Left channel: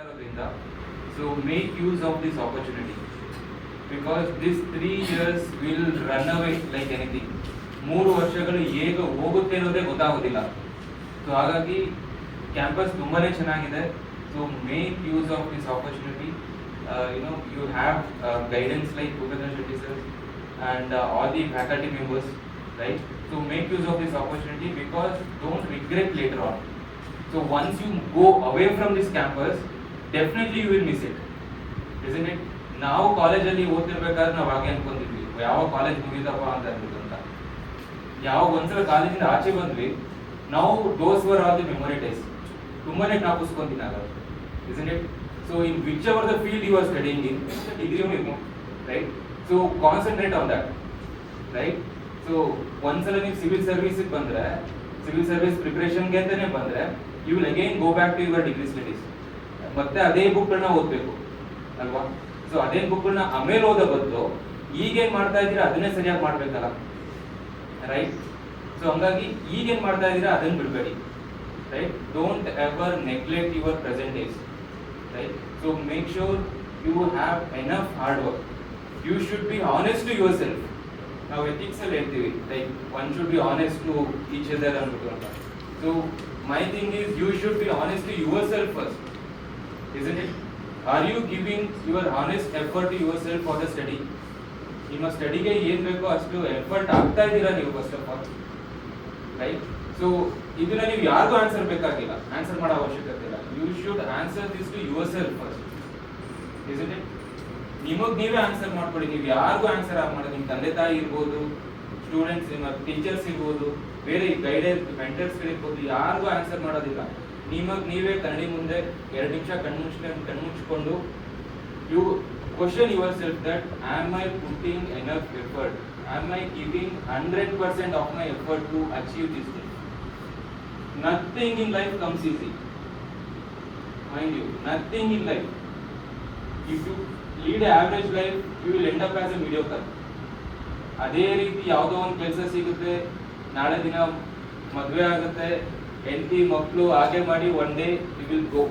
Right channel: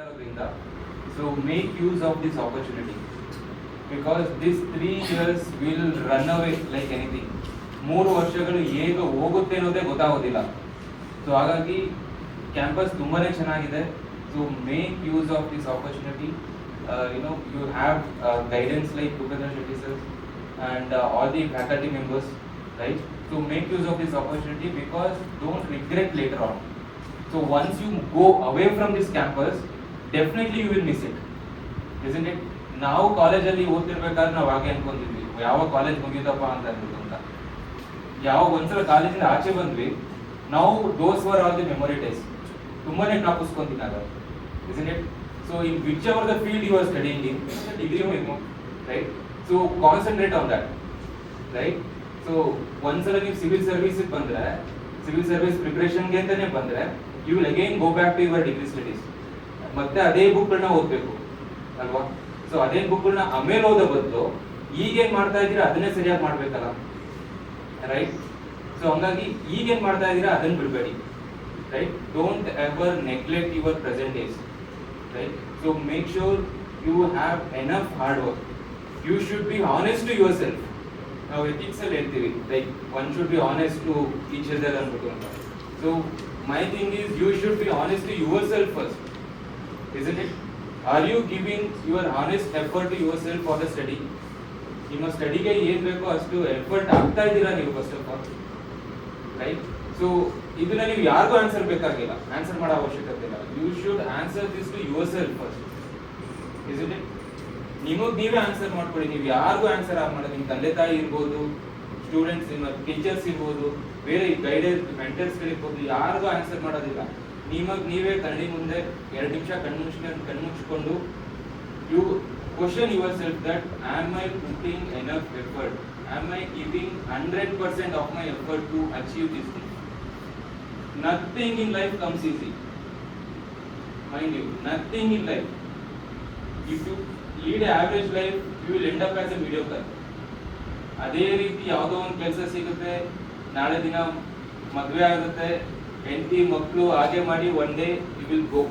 ಇರೋದ್ರಿಂದ so make use of this opportunity because this 3 years will run away like anything. 3 ವರ್ಷಗಳು ಹೇಗೆ ಹೋಗುತ್ತೆ ಅನ್ನೋದೇ ಗೊತ್ತಾಗೋದಿಲ್ಲ. ಸೊ ಹಾಗಾಗಿ ಕ್ಯಾಂಪಸ್ ತುಂಬಾನೇ ಚೆನ್ನಾಗಿದೆ. So make use of this opportunity. You have guidance like Bhupendra Shetty sir and all the faculty members, right? So make use of this opportunity because don't regret later on. So once you go away from this campus, definitely you will miss it, isn't it? ನಾವು ಕಾಲೇಜಲ್ಲಿ ಓದ್ತಿರ್ಬೇಕಾದ್ರೆ ನಾವು ಹಾಗೆ ಅನ್ಕೊಂಡಿದ್ವಿ, ಯಾವ college ಮುಗಿದಪ್ಪ ಅಂತ ಯಾವ ಒಂದ್ಸಲ ಕಾಲೇಜಿಂದ ಆಚೆ ಬಂದ್ವಿ, ನಾವು those were all the memory days ತುಂಬಾನೇ ಜ್ಞಾಪಿಸ್ಕೊಂತೀನಿ ನಾವು, isn't it? So in whichever the field you are studying in, degree maybe, right? So concentrate on that, right? So ಒಂದ್ಸಲ ನೀವು ಸಿವಿಲ್ ಸರ್ವಿಸ್ ಬಂದ್ರೆ, ಸಿವಿಲ್ ಸರ್ವಿಸ್ ಪ್ರಿಪರೇಷನ್ ಗೆ ಅಂತಾನೆ ಬಂದ್ರೆ, you will again go back to your degree studies. ಮತ್ತೆ ಅದೇ ಬುಕ್ಗಳನ್ನ ಓದ್ಬೇಕು ಅಲ್ವಾ? ಸೊ ಅದೇ ಬುಕ್ಗಳನ್ನ ಆಮೇಲೆ ಓದೋ ಬದಲು ಈಗೇನ್ ಮಾಡ್ತಾ ಇದ್ದೀರಾ ಅದನ್ನೇ ಸರಿಯಾಗಿ ಮಾಡ್ಬೇಕಲ್ಲ, ರೈಟ್? ಸೊ ಹಂಗಾಗಿ ಈಗೇನ್ ಮಾಡ್ತಾ ಇದ್ದೀರಾ ಅದನ್ನ ಬಿಡಬೇಡಿ, right? Don't ever neglect your present days, right? So make sure you have enough hard work. You should be honest to yourself. ನಾವು ಎಥಿಕ್ಸ್ ಅಲ್ಲಿ ಹೇಳ್ತೀವಿ, like one should be honest to each other ಅನ್ಬಿಟ್ಟು ಅಂತ. So my thing is you should be honest to yourself first, isn't it? Are you giving your honest effort to yourself for the study? ನಿಮ್ಮ ಸ್ಟಡಿಗೆ ಏನ್ ಬೇಕೋ ಅಷ್ಟು effort ಆಗ್ತಾ ಇದ್ದೀರಾ ನೀವು first of all, right? So ಇದನ್ನ ನೀವು ಯಾರಿಗೂ ಆನ್ಸರ್ ಬೇಕಾಗಿಲ್ಲ, ಆನ್ಸರ್ ಮಾಡೋ ಅವಶ್ಯಕತೆ ಇಲ್ಲ. You should answer this to yourself first, isn't it? ನಿಮಗ್ ನೀವೇ ಆನ್ಸರ್ ಮಾಡ್ಕೊಳ್ಳಿ. ನೀವು ಯಾರಿಗೂ ಆನ್ಸರ್ ಮಾಡೋದು, ನಿಮ್ಮ ತಂದೆ ತಾಯಿ ಇರ್ಬೋದು, ಸ್ಟೂಡೆಂಟ್ಸ್, ಟೀಚರ್ಸ್ ಇರ್ಬೋದು, ಬೇರೆ ಗೈಡೆನ್ಸ್ ಮೆಂಟರ್ಸ್ ಗಳಿರ್ಬೋದು, ಯಾರಿಗೂ ಆನ್ಸರ್ ಮಾಡೋದಿಲ್ಲ. ನಿಮಗ್ ನೀವೇ ಕನ್ನಡಿ ಮುಂದೆ 2 ನಿಮಿಷ ಕಣ್ಮುಚ್ಕೊಂಡು you question yourself that am I putting enough effort, am I giving 100% of my effort to achieve this thing. Nothing in life comes easy, mind you, nothing in life. If you lead average life you will end up as a mediocre. ಅದೇ ರೀತಿ ಯಾವುದೋ ಒಂದು ಕೆಲಸ ಸಿಗುತ್ತೆ, ನಾಳೆ ದಿನ ಮದುವೆ ಆಗುತ್ತೆ, ಹೆಂಡತಿ ಮಕ್ಕಳು, ಹಾಗೆ ಮಾಡಿ one day you will go.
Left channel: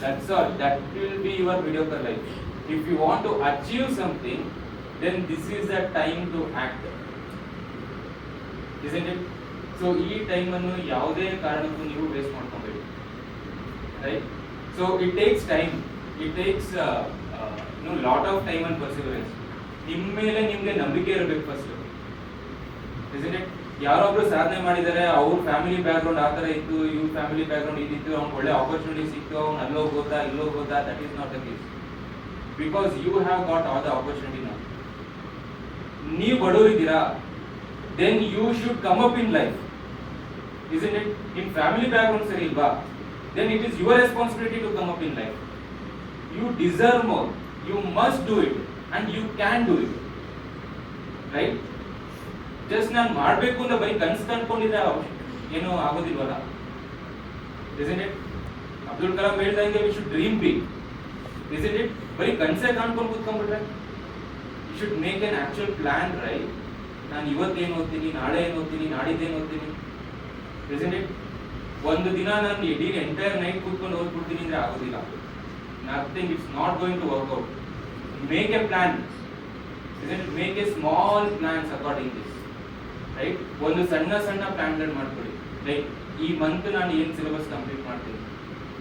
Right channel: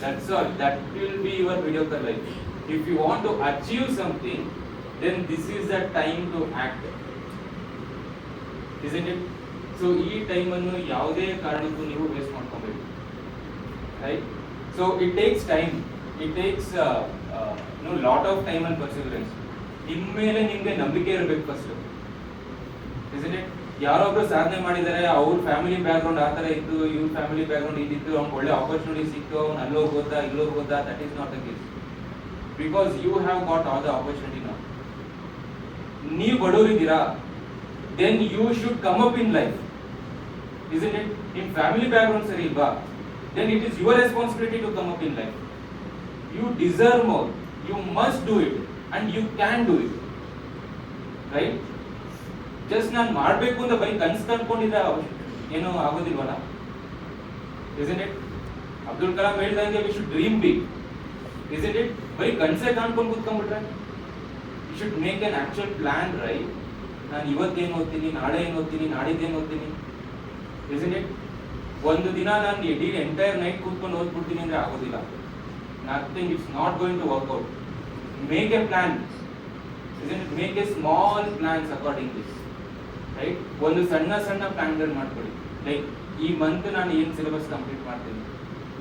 That's all. That will be your mediocre life. If you want to achieve something, then this is the time to act, isn't it? So ಈ ಟೈಮ್ ಅನ್ನು ಯಾವುದೇ ಕಾರಣಕ್ಕೂ ನೀವು ವೇಸ್ಟ್ ಮಾಡ್ಕೋಬೇಡಿ, right? So it takes time, it takes lot of time and perseverance. ನಿಮ್ಮ ಮೇಲೆ ನಿಮ್ಗೆ ನಂಬಿಕೆ ಇರಬೇಕು ಫಸ್ಟ್, isn't it? ಯಾರೊಬ್ರು ಸಾಧನೆ ಮಾಡಿದ್ದಾರೆ, ಅವ್ರ ಫ್ಯಾಮಿಲಿ ಬ್ಯಾಕ್ ಗ್ರೌಂಡ್ ಆ ತರ ಇತ್ತು, ಇವ್ರ ಫ್ಯಾಮಿಲಿ ಬ್ಯಾಕ್ ಗ್ರೌಂಡ್ ಇದಿತ್ತು, ಅವ್ನಿಗೆ ಒಳ್ಳೆ ಆಪರ್ಚುನಿಟಿ ಸಿಕ್ತು, ಅವ್ನು ಅಲ್ಲೋ ಹೋಗೋದಾ ಇಲ್ಲೋ ಹೋಗೋದಾ, that is not the case. Because you have got all the opportunity now. ನೀವು ಬಡವರಿದ್ದೀರಾ, then you should come up in life, isn't it? ನಿಮ್ ಫ್ಯಾಮಿಲಿ ಬ್ಯಾಕ್ ಗ್ರೌಂಡ್ ಸರಿ ಇಲ್ವಾ, then it is your responsibility to come up in life. You deserve more, you must do it and you can do it, right? Just ನಾನು ಮಾಡ್ಬೇಕು ಅಂತ ಬರೀ ಕನ್ಸು ಕಂಡ್ಕೊಂಡಿದ್ದ ಏನೋ ಆಗೋದಿಲ್ವಲ್ಲ, isn't it? Abdul Kalam ಹೇಳ್ದಂಗೆ we should dream big, isn't it? ಬರೀ ಕನ್ಸೇ ಕಾಣ್ಕೊಂಡು ಕೂತ್ಕೊಂಡ್ಬಿಟ್ರೆ you should make an actual plan, right? ನಾನು ಇವತ್ತೇನು ಓದ್ತೀನಿ, ನಾಳೆ ಏನು ಓದ್ತೀನಿ, ನಾಡಿದ್ದೇನು ಓದ್ತೀನಿ, isn't it? ಒಂದು ದಿನ ನಾನು ಇಡೀ ಎಂಟೈರ್ ನೈಟ್ ಕೂತ್ಕೊಂಡು ಓದ್ಬಿಡ್ತೀನಿ ಅಂದ್ರೆ ಆಗೋದಿಲ್ಲ. Nothing, it's not going to work out. Make a plan, isn't it? Make a small plans according this, right? ಒಂದು ಸಣ್ಣ ಸಣ್ಣ ಪ್ಲಾನ್ಗಳು ಮಾಡ್ಕೊಳ್ಳಿ, ರೈಟ್? ಈ ಮಂತ್ ನಾನು ಏನ್ ಸಿಲೆಬಸ್ ಕಂಪ್ಲೀಟ್ ಮಾಡ್ತೀನಿ,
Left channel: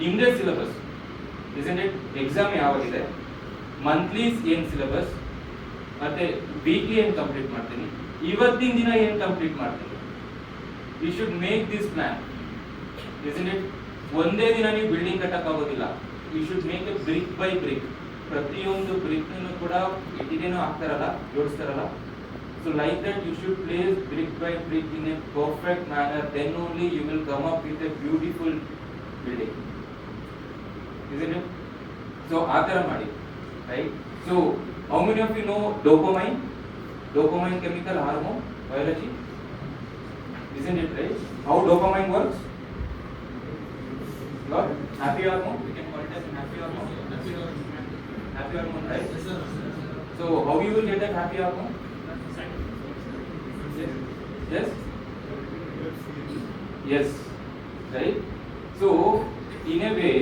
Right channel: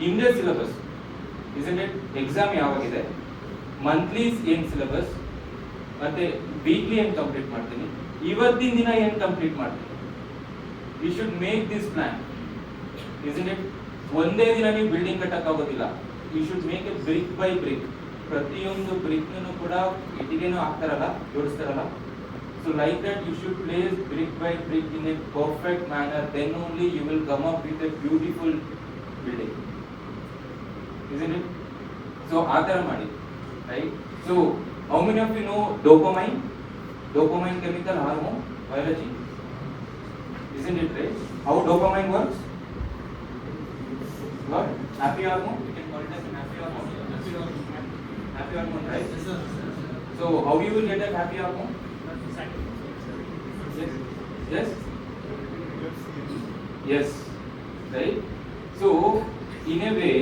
ನಿಮ್ದೇ ಸಿಲೆಬಸ್, isn't it? ಎಕ್ಸಾಮ್ ಯಾವಾಗಿದೆ, ಮಂತ್ಲಿ ಏನ್ ಸಿಲೆಬಸ್, ಮತ್ತೆ ವೀಕ್ಲಿ ಏನ್ ಕಂಪ್ಲೀಟ್ ಮಾಡ್ತೀನಿ, ಇವತ್ತಿನ ದಿನ ಏನ್ ಕಂಪ್ಲೀಟ್ ಮಾಡ್ತೀನಿ. You should make this plan, isn't it? ಒಂದೇ ದಿನ ನೀವು ಬಿಲ್ಡಿಂಗ್ ಕಟ್ಟಕ್ ಆಗೋದಿಲ್ಲ. You should make a brick by brick. ಪ್ರತಿಯೊಂದು ಬ್ರಿಕ್ ಕೂಡ ಇಟ್ಟಿಗೆನೂ ಹಾಕ್ತಾರಲ್ಲ, ಜೋಡಿಸ್ತಾರಲ್ಲ. So like that you should place brick by brick in a perfect manner, then only you will come up with a beautiful building, isn't it? So ಆತರ ಮಾಡಿ, right? So how many of you know dopamine? Dopamine chemical hormone, biology, isn't it, right? How dopamine works? What? Happy hormone? Happy hormone, right? So how you will get that happy hormone? Yes? Yes, right? So in a way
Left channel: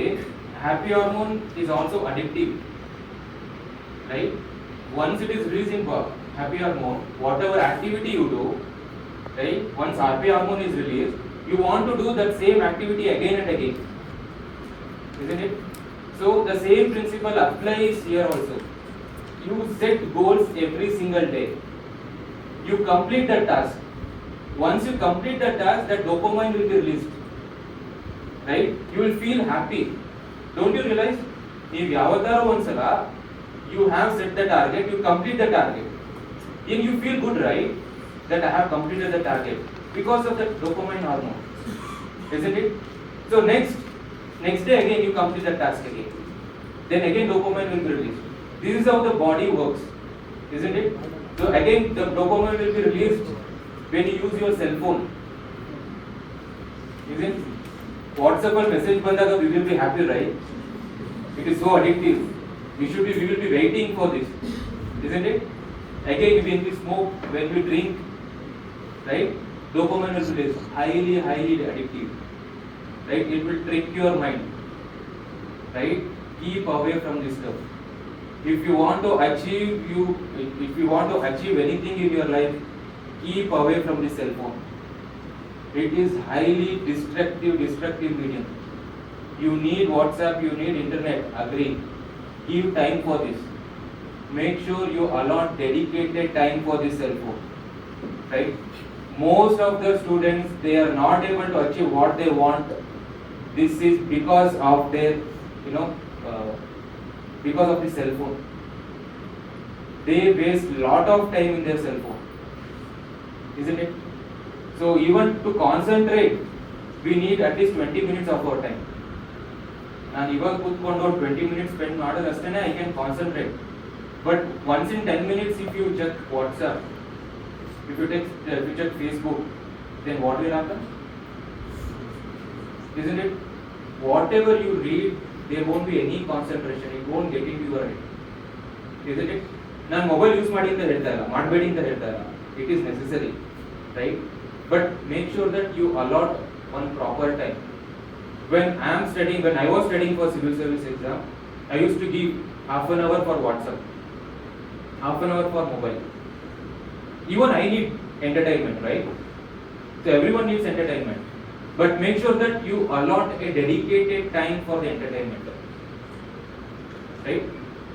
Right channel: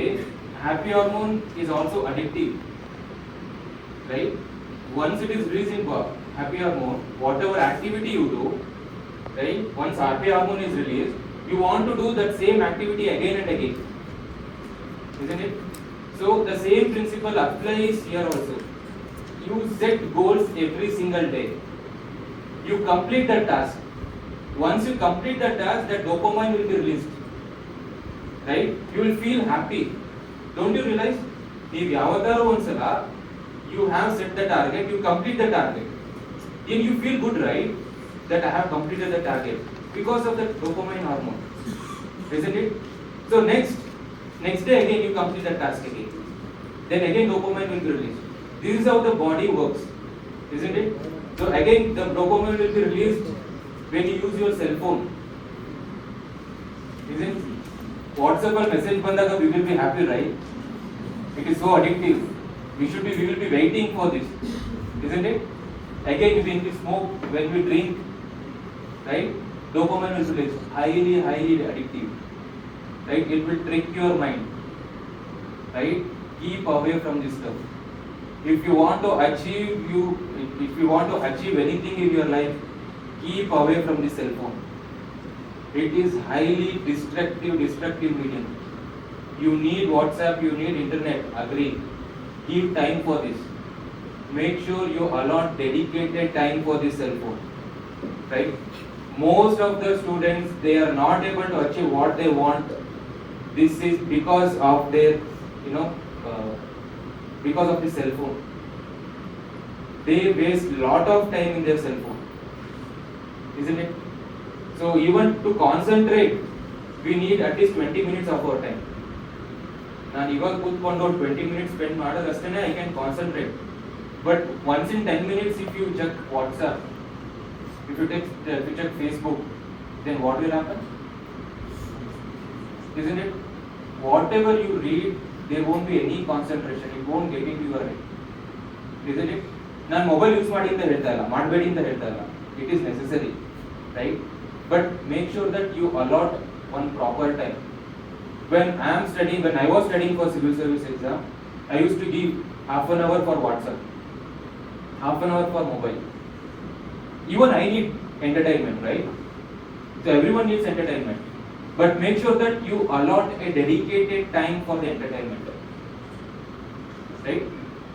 happy hormone is also addictive, right? Once it is released in happy hormone, whatever activity you do, right? Once happy hormone is released, you want to do that same activity again and again, isn't it? So the same principle applies here also. You set goals every single day. You complete the task. Once you complete the task, that dopamine will be released, right? You will feel happy. Don't you realize? If you have set the target, you complete the target, then you feel good, right? That I have completed the target because of the dopamine hormone, isn't it? So next day again you complete the task again. Then again dopamine will be released. This is how the body works, isn't it? So again the dopamine will be released when you use your cell phone, isn't it? WhatsApp or message bandaga we will be happy, right? It is so addictive. We will be waiting for this, isn't it? Again when we smoke, when we drink, right? Dopamine is released, highly addictive, right? It will trick your mind, right? Keep away from this stuff. If you want to achieve anything in your life, keep away from this cell phone. It is highly destructive medium. You need WhatsApp, you need internet, agree. Give time for this. Make sure you allot dedicated time for this cell phone, right? Most of the students, they are not able to achieve what they want. This is because of their, because of the cell phone. They waste lot of time in their cell phone, isn't it? So even to concentrate, we need at least 20 minutes of our time. And even put 20 minutes spend madagastane I can concentrate. But once in 10 minutes, if you check WhatsApp, if you check Facebook, then what will happen? Isn't it? Whatever you read, there won't be any concentration. It won't get into your head. Isn't it? ನಾನು mobile use ಮಾಡಿ ಅಂತ ಹೇಳ್ತಾ ಇಲ್ಲ, ಮಾಡಬೇಡಿ ಅಂತ ಹೇಳ್ತಾ ಇಲ್ಲ. It is necessary, right? But make sure that you allot one proper time. When I was studying for civil service exam, I used to give half an hour for WhatsApp, half an hour for mobile. Even I need entertainment, right? So everyone needs entertainment. But make sure that you allot a dedicated time for the entertainment, right?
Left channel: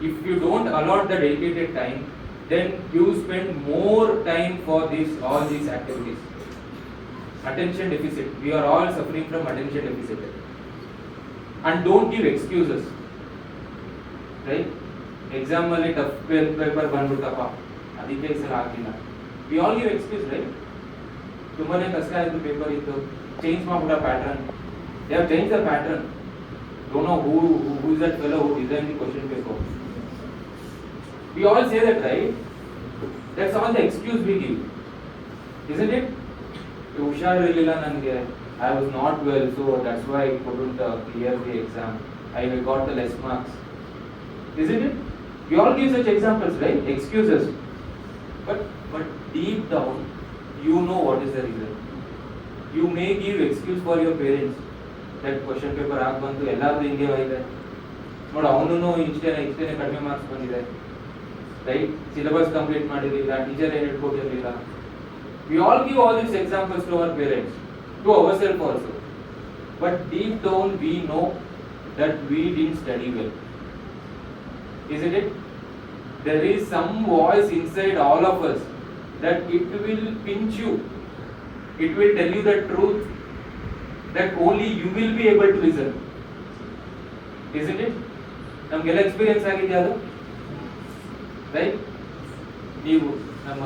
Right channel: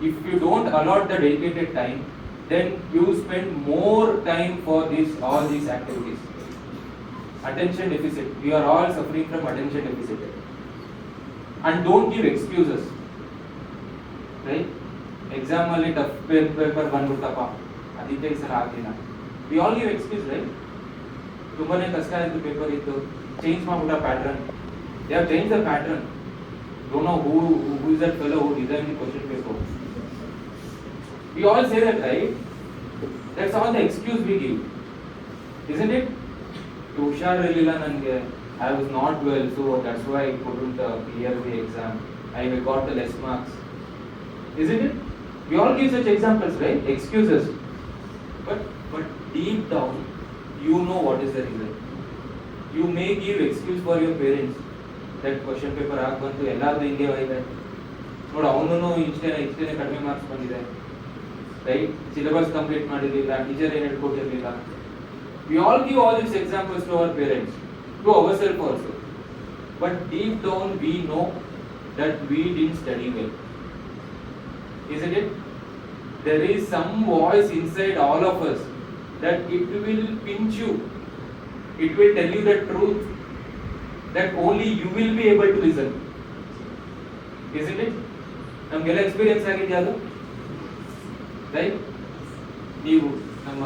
If you don't allot the dedicated time, then you spend more time for all these activities. Attention deficit. We are all suffering from attention deficit. And don't give excuses, right? Exam only tough paper bandutappa. Adike sir agina. We all give excuse, right? Tumane kasta idu paper ittu. Change mabuda pattern. They have changed the pattern. Don't know who is that fellow who designed the question paper. We all say that, right? That's all the excuse we give, isn't it? ಹುಷಾರಿರಲಿಲ್ಲ ನನಗೆ, I was not well, so that's why I couldn't clear the exam. I got the less marks, isn't it? We all give such examples, right? Excuses. But deep down, you know what is the reason. You may give excuse for your parents. That question paper ಆಗಿ ಬಂತು, ಎಲ್ಲಾರು ಹಿಂಗೆ ಇದೆ ನೋಡಿ, ಅವನು ಇಷ್ಟೇ ಕಡಿಮೆ marks ಬಂದಿದೆ, right? ಸಿಲೆಬಸ್ ಕಂಪ್ಲೀಟ್ ಮಾಡಿರಲಿಲ್ಲ, ಟೀಚರ್ ಏನು ಹೇಳ್ಕೊಟ್ಟಿರಲಿಲ್ಲ. We all give all these examples to our parents, to ourselves also. But deep down we know that we didn't study well, isn't it? There is some voice inside all of us that it will pinch you. It will tell you the truth that only you will be able to listen, isn't it? ನಮಗೆಲ್ಲ experience ಆಗಿದೆ ಅದು, right? ನೀವು ನಮ್ಮ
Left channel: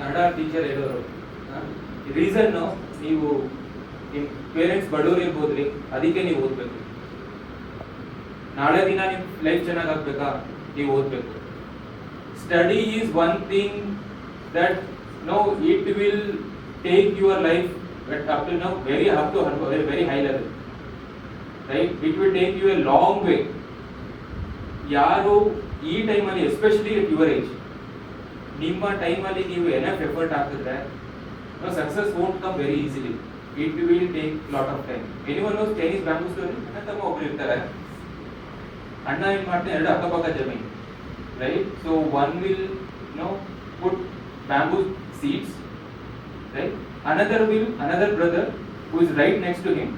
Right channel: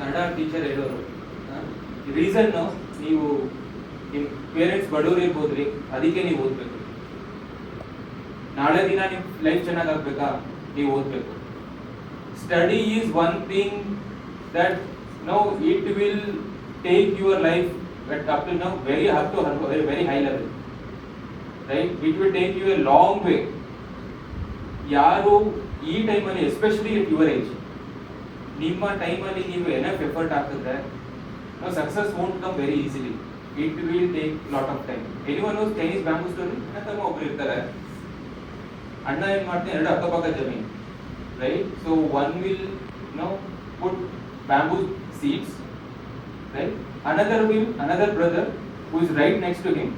Kannada teacher ಹೇಳೋರು, reason ನೀವು ನಿಮ್ಮ parents ಬಡವರು ಇರ್ಬೋದ್ರಿ, ಅದಕ್ಕೆ ನೀವು ಓದಬೇಕು. ನಾಳೆ ದಿನ ನಿಮ್ಮ ಲೈಫ್ ಚೆನ್ನಾಗಾಗ್ಬೇಕಾ, ನೀವು ಓದಬೇಕು. Study is one thing that it will take your life up to now very high level, right? It will take you a long way. ಯಾರು ಈ ಟೈಮಲ್ಲಿ, ಎಸ್ಪೆಷಲಿ at your age, ನಿಮ್ಮ ಟೈಮಲ್ಲಿ ನೀವು ಎನಫ್ ಎಫರ್ಟ್ ಹಾಕಿದ್ರೆ success won't come very easily. It will take lot of time. Anyone knows Chinese bamboo story? ನನ್ನ ತಮ್ಮ ಒಬ್ರು ಇರ್ತಾರೆ, ಅಣ್ಣ ಏನ್ ಮಾಡ್ತಾನೆ, ಎರಡು ಅಕ್ಕಪಕ್ಕ ಜಮೀನ್, right? So one will put bamboo seeds, right? Another brother who is right next to him,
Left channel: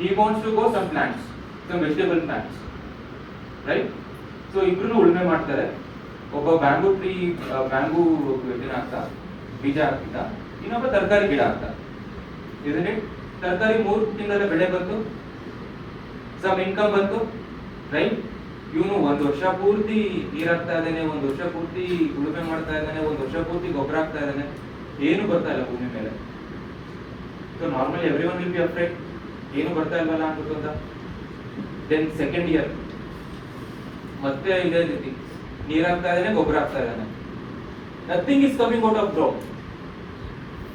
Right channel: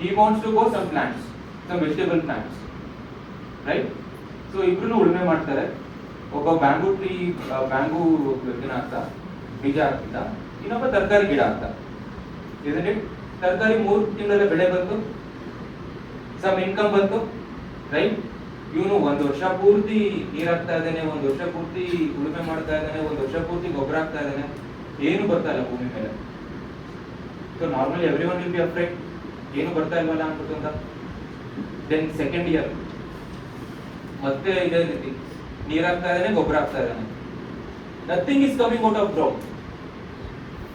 he wants to grow some plants, some vegetable plants, right? So ಇಬ್ರು ಉಳುಮೆ ಮಾಡ್ತಾರೆ. ಒಬ್ಬ ಬ್ಯಾಂಬೂ ಹಾಕ್ತಾ, ಬೀಜ ಹಾಕ್ತಿದ್ದ, ಇನ್ನೊಬ್ಬ ತರಕಾರಿ ಗಿಡ ಹಾಕ್ತಾ. isn't it? ತರಕಾರಿ 3 ತಿಂಗಳಲ್ಲಿ ಬೆಳೆ ಬಂತು, ಸಮ್ ಇನ್ಕಮ್ ಬಂತು, ರೈಟ್? ಇವನು 1 ವರ್ಷ ಪೂರ್ತಿ ನೀರ್ ಹಾಕ್ತಾ ಇದ್ದಾನೆ, 1 ವರ್ಷ ಪೂರ್ತಿ ಉಳುಮೆ ಮಾಡ್ತಾ ಇದ್ದಾನೆ, 1 ವರ್ಷ ಪೂರ್ತಿ ಗೊಬ್ಬರ ಹಾಕ್ತಾ ಇದ್ದಾನೆ, ಏನು ಬರ್ತಾ ಇಲ್ಲ ಭೂಮಿ ಮೇಲೆ. So normally everyone will be afraid, ಏನು ಬರ್ತಾ ಇಲ್ವಲ್ಲ ಅನ್ಬಿಟ್ಟು ಅಂತ. ದೆನ್ ಸೆಕೆಂಡ್ ಇಯರ್ ಮತ್ತೆ ಇದೇ ರೀತಿ ನೀರ್ ಹಾಕ್ತಾ ಇದ್ದಾನೆ, ಗೊಬ್ಬರ ಹಾಕ್ತಾ ಇದ್ದಾನೆ, nothing is coming out of ground.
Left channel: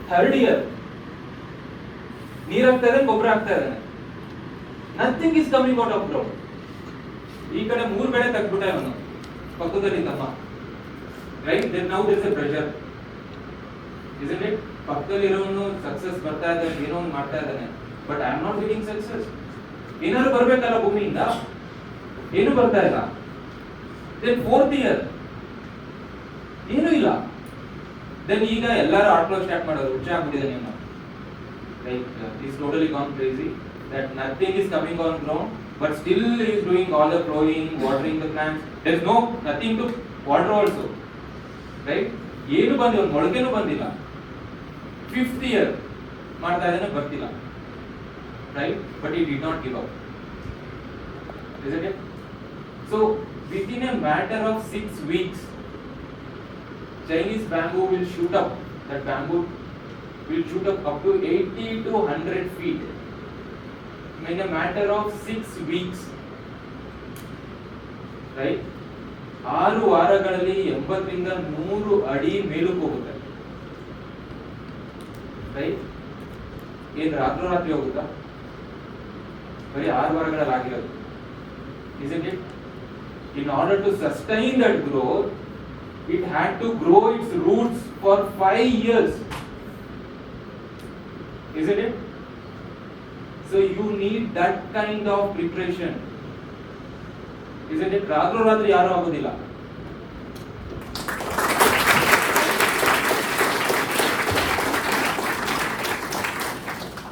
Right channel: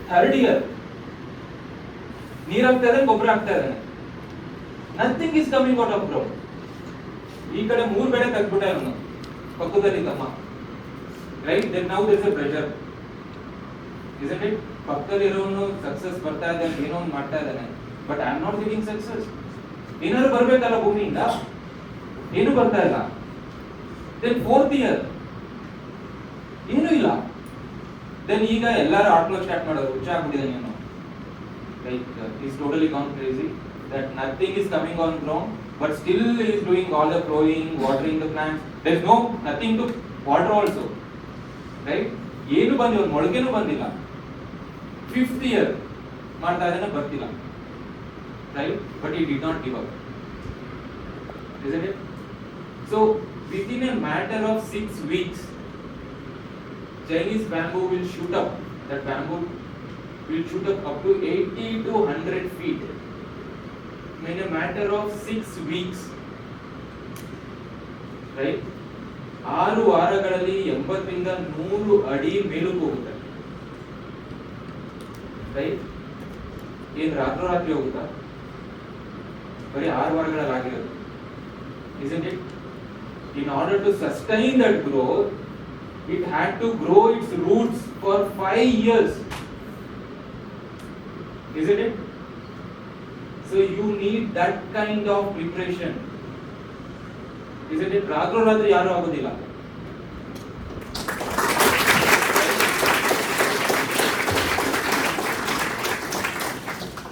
Third year ನೀರ್ ಹಾಕ್ತಾ ಇದ್ದಾನೆ, ಗೊಬ್ಬರ ಹಾಕ್ತಾ ಇದ್ದಾನೆ, nothing is coming out of ground. ಈ ಕಡೆ 3 ಬೆಳೆ ತೆಗ್ದ್ಬಿಟ್ಟ ಅವನು ಪಕ್ಕದಲ್ಲಿ ತಮ್ಮ, right? Then now there is a pressure, isn't it? ಪಕ್ಕದಲ್ಲಿ ಇರೋನು ಸಕ್ಸಸ್ ಬರ್ತಾ ಇದ್ದಾನೆ, ಏನೋ ಒಂದು ಮಾಡ್ತಾ ಇದ್ದಾನೆ, but I am not getting success. ಏನಾದ್ರು ಬರ್ಬೇಕಲ್ಲ ಭೂಮಿಯಿಂದ, ಏನು ಬರ್ತಾ ಇಲ್ಲ. ದೆನ್ 4th ಇಯರ್ ಏನು ಇಲ್ಲ. ದೆನ್ ಈಗ ಎಲ್ಲರೂ ಆಟೋ ಸ್ಟಾರ್ಟ್ ಮಾಡೋದು, ಹುಚ್ಚ ಆಗ್ಬಿಟ್ಟಿದೆ ನೀನು, like is totally gone crazy, that nothing is coming on ground, but still he is doing all the plowing, watering the plants. There is nothing to water also, right? ಏನು ಬಂದಿಲ್ಲ, ಮೊಳಕೆನೂ ಬಂದಿಲ್ಲ. 5th year ಮಾಡ್ತಾ ಇದ್ದಾನೆ, ಬರ್ತಿಲ್ಲ, right? But he did not give up, isn't it? So within a matter of 6 weeks, Chinese bamboo will shoot up. That bamboo will shoot up to 80 to 100 feet in a matter of 6 weeks, right? 6 ವಾರಗಳಲ್ಲಿ 80 ರಿಂದ 100 ಅಡಿ ಮೇಲಕ್ಕೆ ಹೋಗುತ್ತೆ, right? ಏನ್ ರಾತ್ರಿ ಹೋಗುತ್ತಾ? ಬರೀ 6 ವಾರಗಳಲ್ಲಿ ಆಗಿರೋದು, isn't it? In order to sustain that growth, it had to grow its roots for 5 years, isn't it? So you need that kind of preparation, isn't it? ರಾತ್ರಿ ಯಾರು ಆಗೋದಿಲ್ಲ.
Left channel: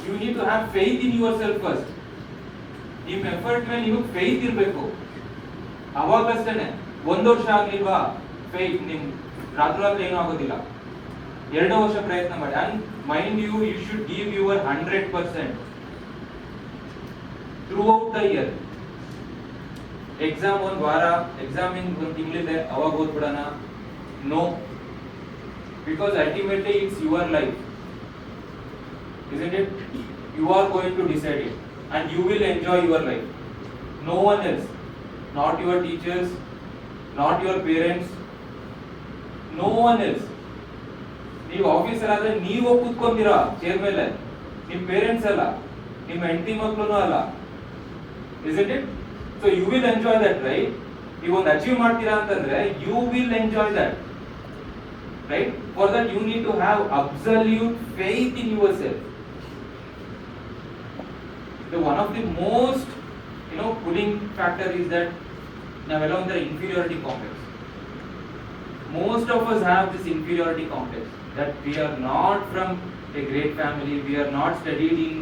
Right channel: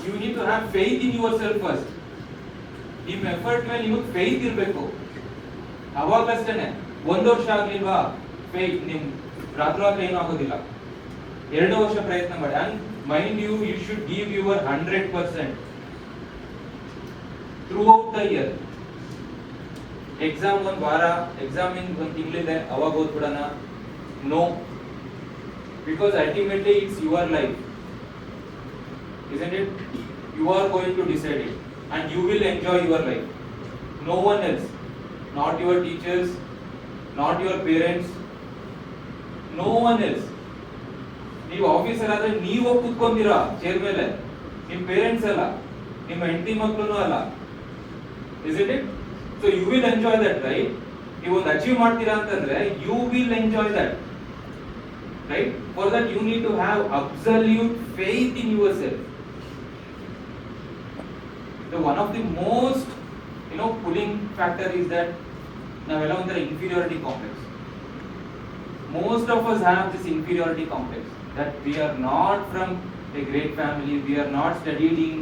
You need to have faith in yourself first. ನಿಮ್ಮ effort ಮೇಲೆ ನೀವು faith ಇರಬೇಕು, ಅವಾಗಷ್ಟೇ. 1 ವರ್ಷ ಆಗ್ಲಿಲ್ವಾ faith, ನಿಮ್ ರಾತ್ರಿ ಏನು ಆಗೋದಿಲ್ಲ. 2 ವರ್ಷ ಪ್ರಯತ್ನ ಮಾಡಿ. And mind you should give your 100% throughout the year. Exam 1 ವಾರ, ಎಕ್ಸಾಮ್ ಇನ್ 1 ತಿಂಗಳಿದೆ, ಅವಾಗ ಓದ್ಬಿಡೋಣ? No, because ultimately it's your life, isn't it? You are going to decide it and you will enjoy your life. No one else, not your teachers, not your parents, no one else. ನೀವು officer ಆದ್ರೆ ನೀವು ಹೋಗಿ ಕೂತ್ಕೊಂತೀರಾ chair ಮೇಲೆ, ನಿಮ್ಮ parents ಅಲ್ಲ, ನಿಮ್ಮ ಹೆಂಡತಿ ಮಕ್ಕಳು ಅಲ್ಲ, isn't it? So you will enjoy that, right? ನೀವು ಒಂದು ಅಚೀವ್ ಮಾಡ್ತೀರಾ ಅಂತಂದ್ರೆ you will enjoy that, right? For that you need to have absolute faith in yourself. The one of the most pulling factor is that ನಾವೆಲ್ಲ ಒಂಥರ inferiority complex. Most of us have this inferiority complex, that we are not from a great family, we are not studied in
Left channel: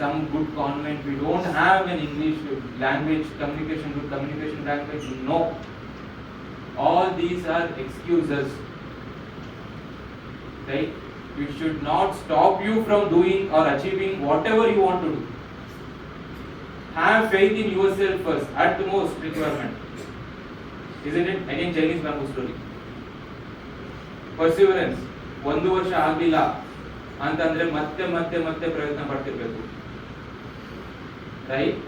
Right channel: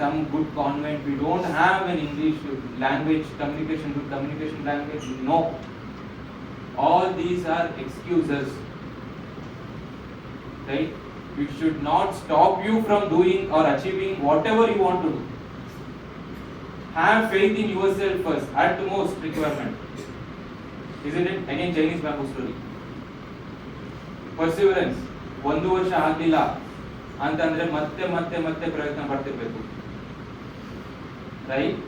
some good convent, we don't have an English language communication, good communication language. No, all these are excuses, right? Which should not stop you from doing or achieving whatever you want to do. Have faith in yourself first, at the most requirement, isn't it? Again, Chinese bamboo story. Perseverance. 1 ವರ್ಷ ಆಗಲಿಲ್ಲ ಅಂತಂದ್ರೆ ಮತ್ತೆ ಮತ್ತೆ ಮತ್ತೆ ಪ್ರಯತ್ನ ಪಡ್ತಿರ್ಬೇಕು, right?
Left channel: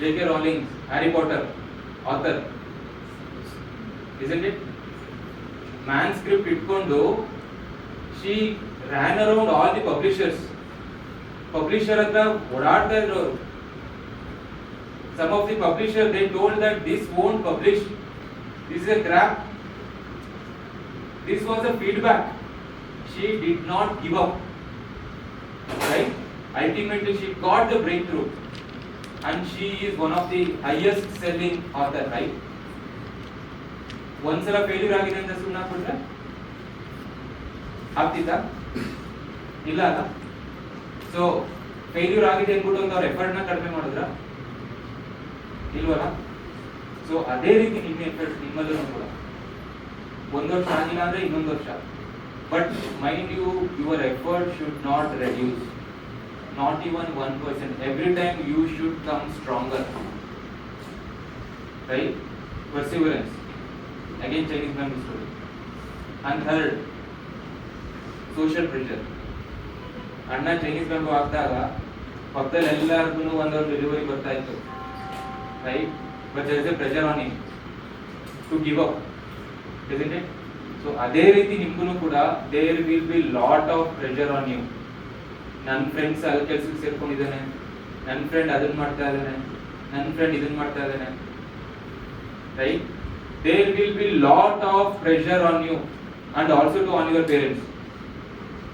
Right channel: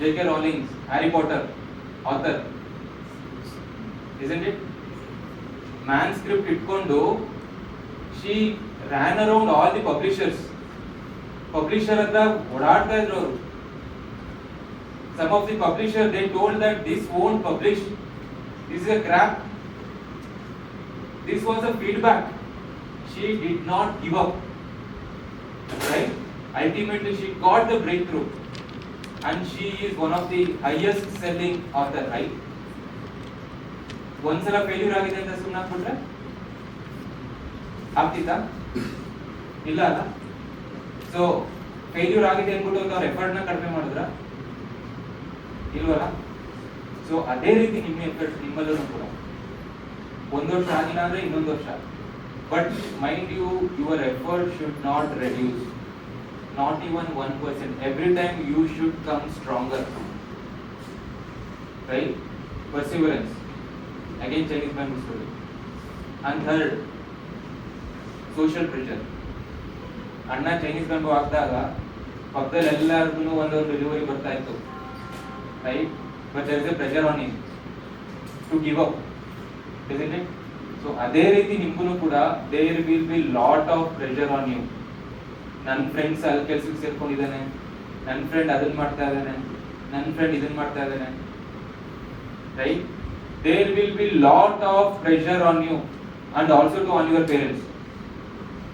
J.K. Rowling, Harry Potter author, isn't it? Manuscript ಇಟ್ಕೊಂಡು she ran around all the publishers. Publisher ಹತ್ರ ಓಡಾಡ್ತಾ ಇದ್ರು ಅವರು. Some of the publishers, they told that this won't publish, this is a crap. This was a feedback. She did not give up, right? Ultimately she got the breakthrough and she is one of the highest selling author, right? ಒಂದ್ಸಲ failure ಆಗಿದೆ ಅಂತ ಸುಮ್ಮನೆ ಹಾಕ್ಬಿಟ್ರೆ ಆಗ್ತಿತ್ತಾ? ಇಲ್ಲ ಅಲ್ಲ. So failure ಆಗಿದೆ ಅಂದ್ಬಿಟ್ಟು ಒಂದು ಅವ್ರ ಎಫರ್ಟ್ ನ ಕಡಿಮೆ ಮಾಡಿದ್ರ ಇಲ್ವಲ್ಲ? ಸೊ ಅದೇ ರೀತಿ ನಿಮ್ಮ ಎಫರ್ಟ್ ನಿಮ್ಮಲ್ಲೂ ಕೂಡ ಒಂದು ವರ್ಷ ಆಗಿಲ್ಲ ಅಂದ್ರೆ ಇನ್ನೊಂದು ವರ್ಷ, but mind you your effort should not reduce, not even 1%. Every time you should come stronger, right? Perseverance, again Chinese Bible story. And third, social pressure. ಅಣ್ಣ ಚೈನೀಸ್ ಬ್ಯಾಂಕ್ ಆಗ್ದಾಗ ಪಕ್ಕದಲ್ಲಿ ಎಲ್ಲಾರ್ಗು ಒಂದೊಂದು ಡೆಲಿವರಿ ಬರ್ತಾ ಇತ್ತು, right? But there is a pressure on him to give up, isn't it? So ಅದೇ ರೀತಿ ನಿಮ್ಗೂ ಕೂಡ there will be lot of pressure on you. ನನ್ನ ಫ್ರೆಂಡ್ಸ್ ಅಲ್ಲಿ ಕೆಲಸಕ್ಕೆ ಸೇರ್ಕೊಂಡಿದ್ದಾನೆ, ನನ್ನ ಫ್ರೆಂಡ್ ಅದನ್ನ ಮಾಡ್ತಾ ಇದ್ದಾನೆ, ನನ್ನ ಫ್ರೆಂಡ್ ಇದನ್ನ ಮಾಡ್ತಾ ಇದ್ದಾನೆ, right? There will be lot of pressure on you and also to on your parents.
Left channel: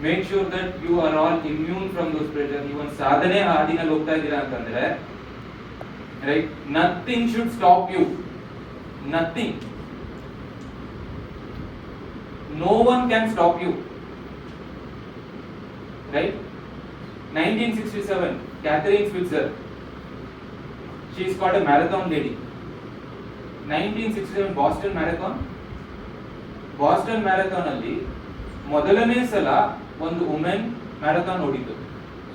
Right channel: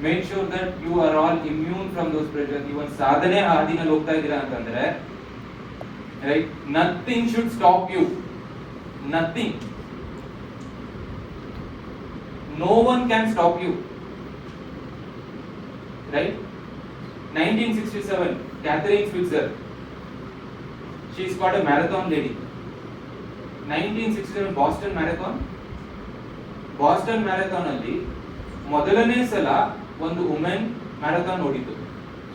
Make sure that you are all immune from those pressure. ನೀವು ಒಂದು ಸಾಧನೆ ಹಾದಿನಲ್ಲಿ ಹೋಗ್ತಾ ಇದ್ದೀರಾ ಅಂತಂದ್ರೆ, right, nothing should stop you, nothing. No one can stop you, right? 1967, Catherine Switzer, she is called a marathon lady. 1967 Boston Marathon ಅಲ್ಲಿ ಮೊದಲನೇ ಸಲ ಒಂದು ವುಮೆನ್ ಮ್ಯಾರಥಾನ್ ಓಡಿತು.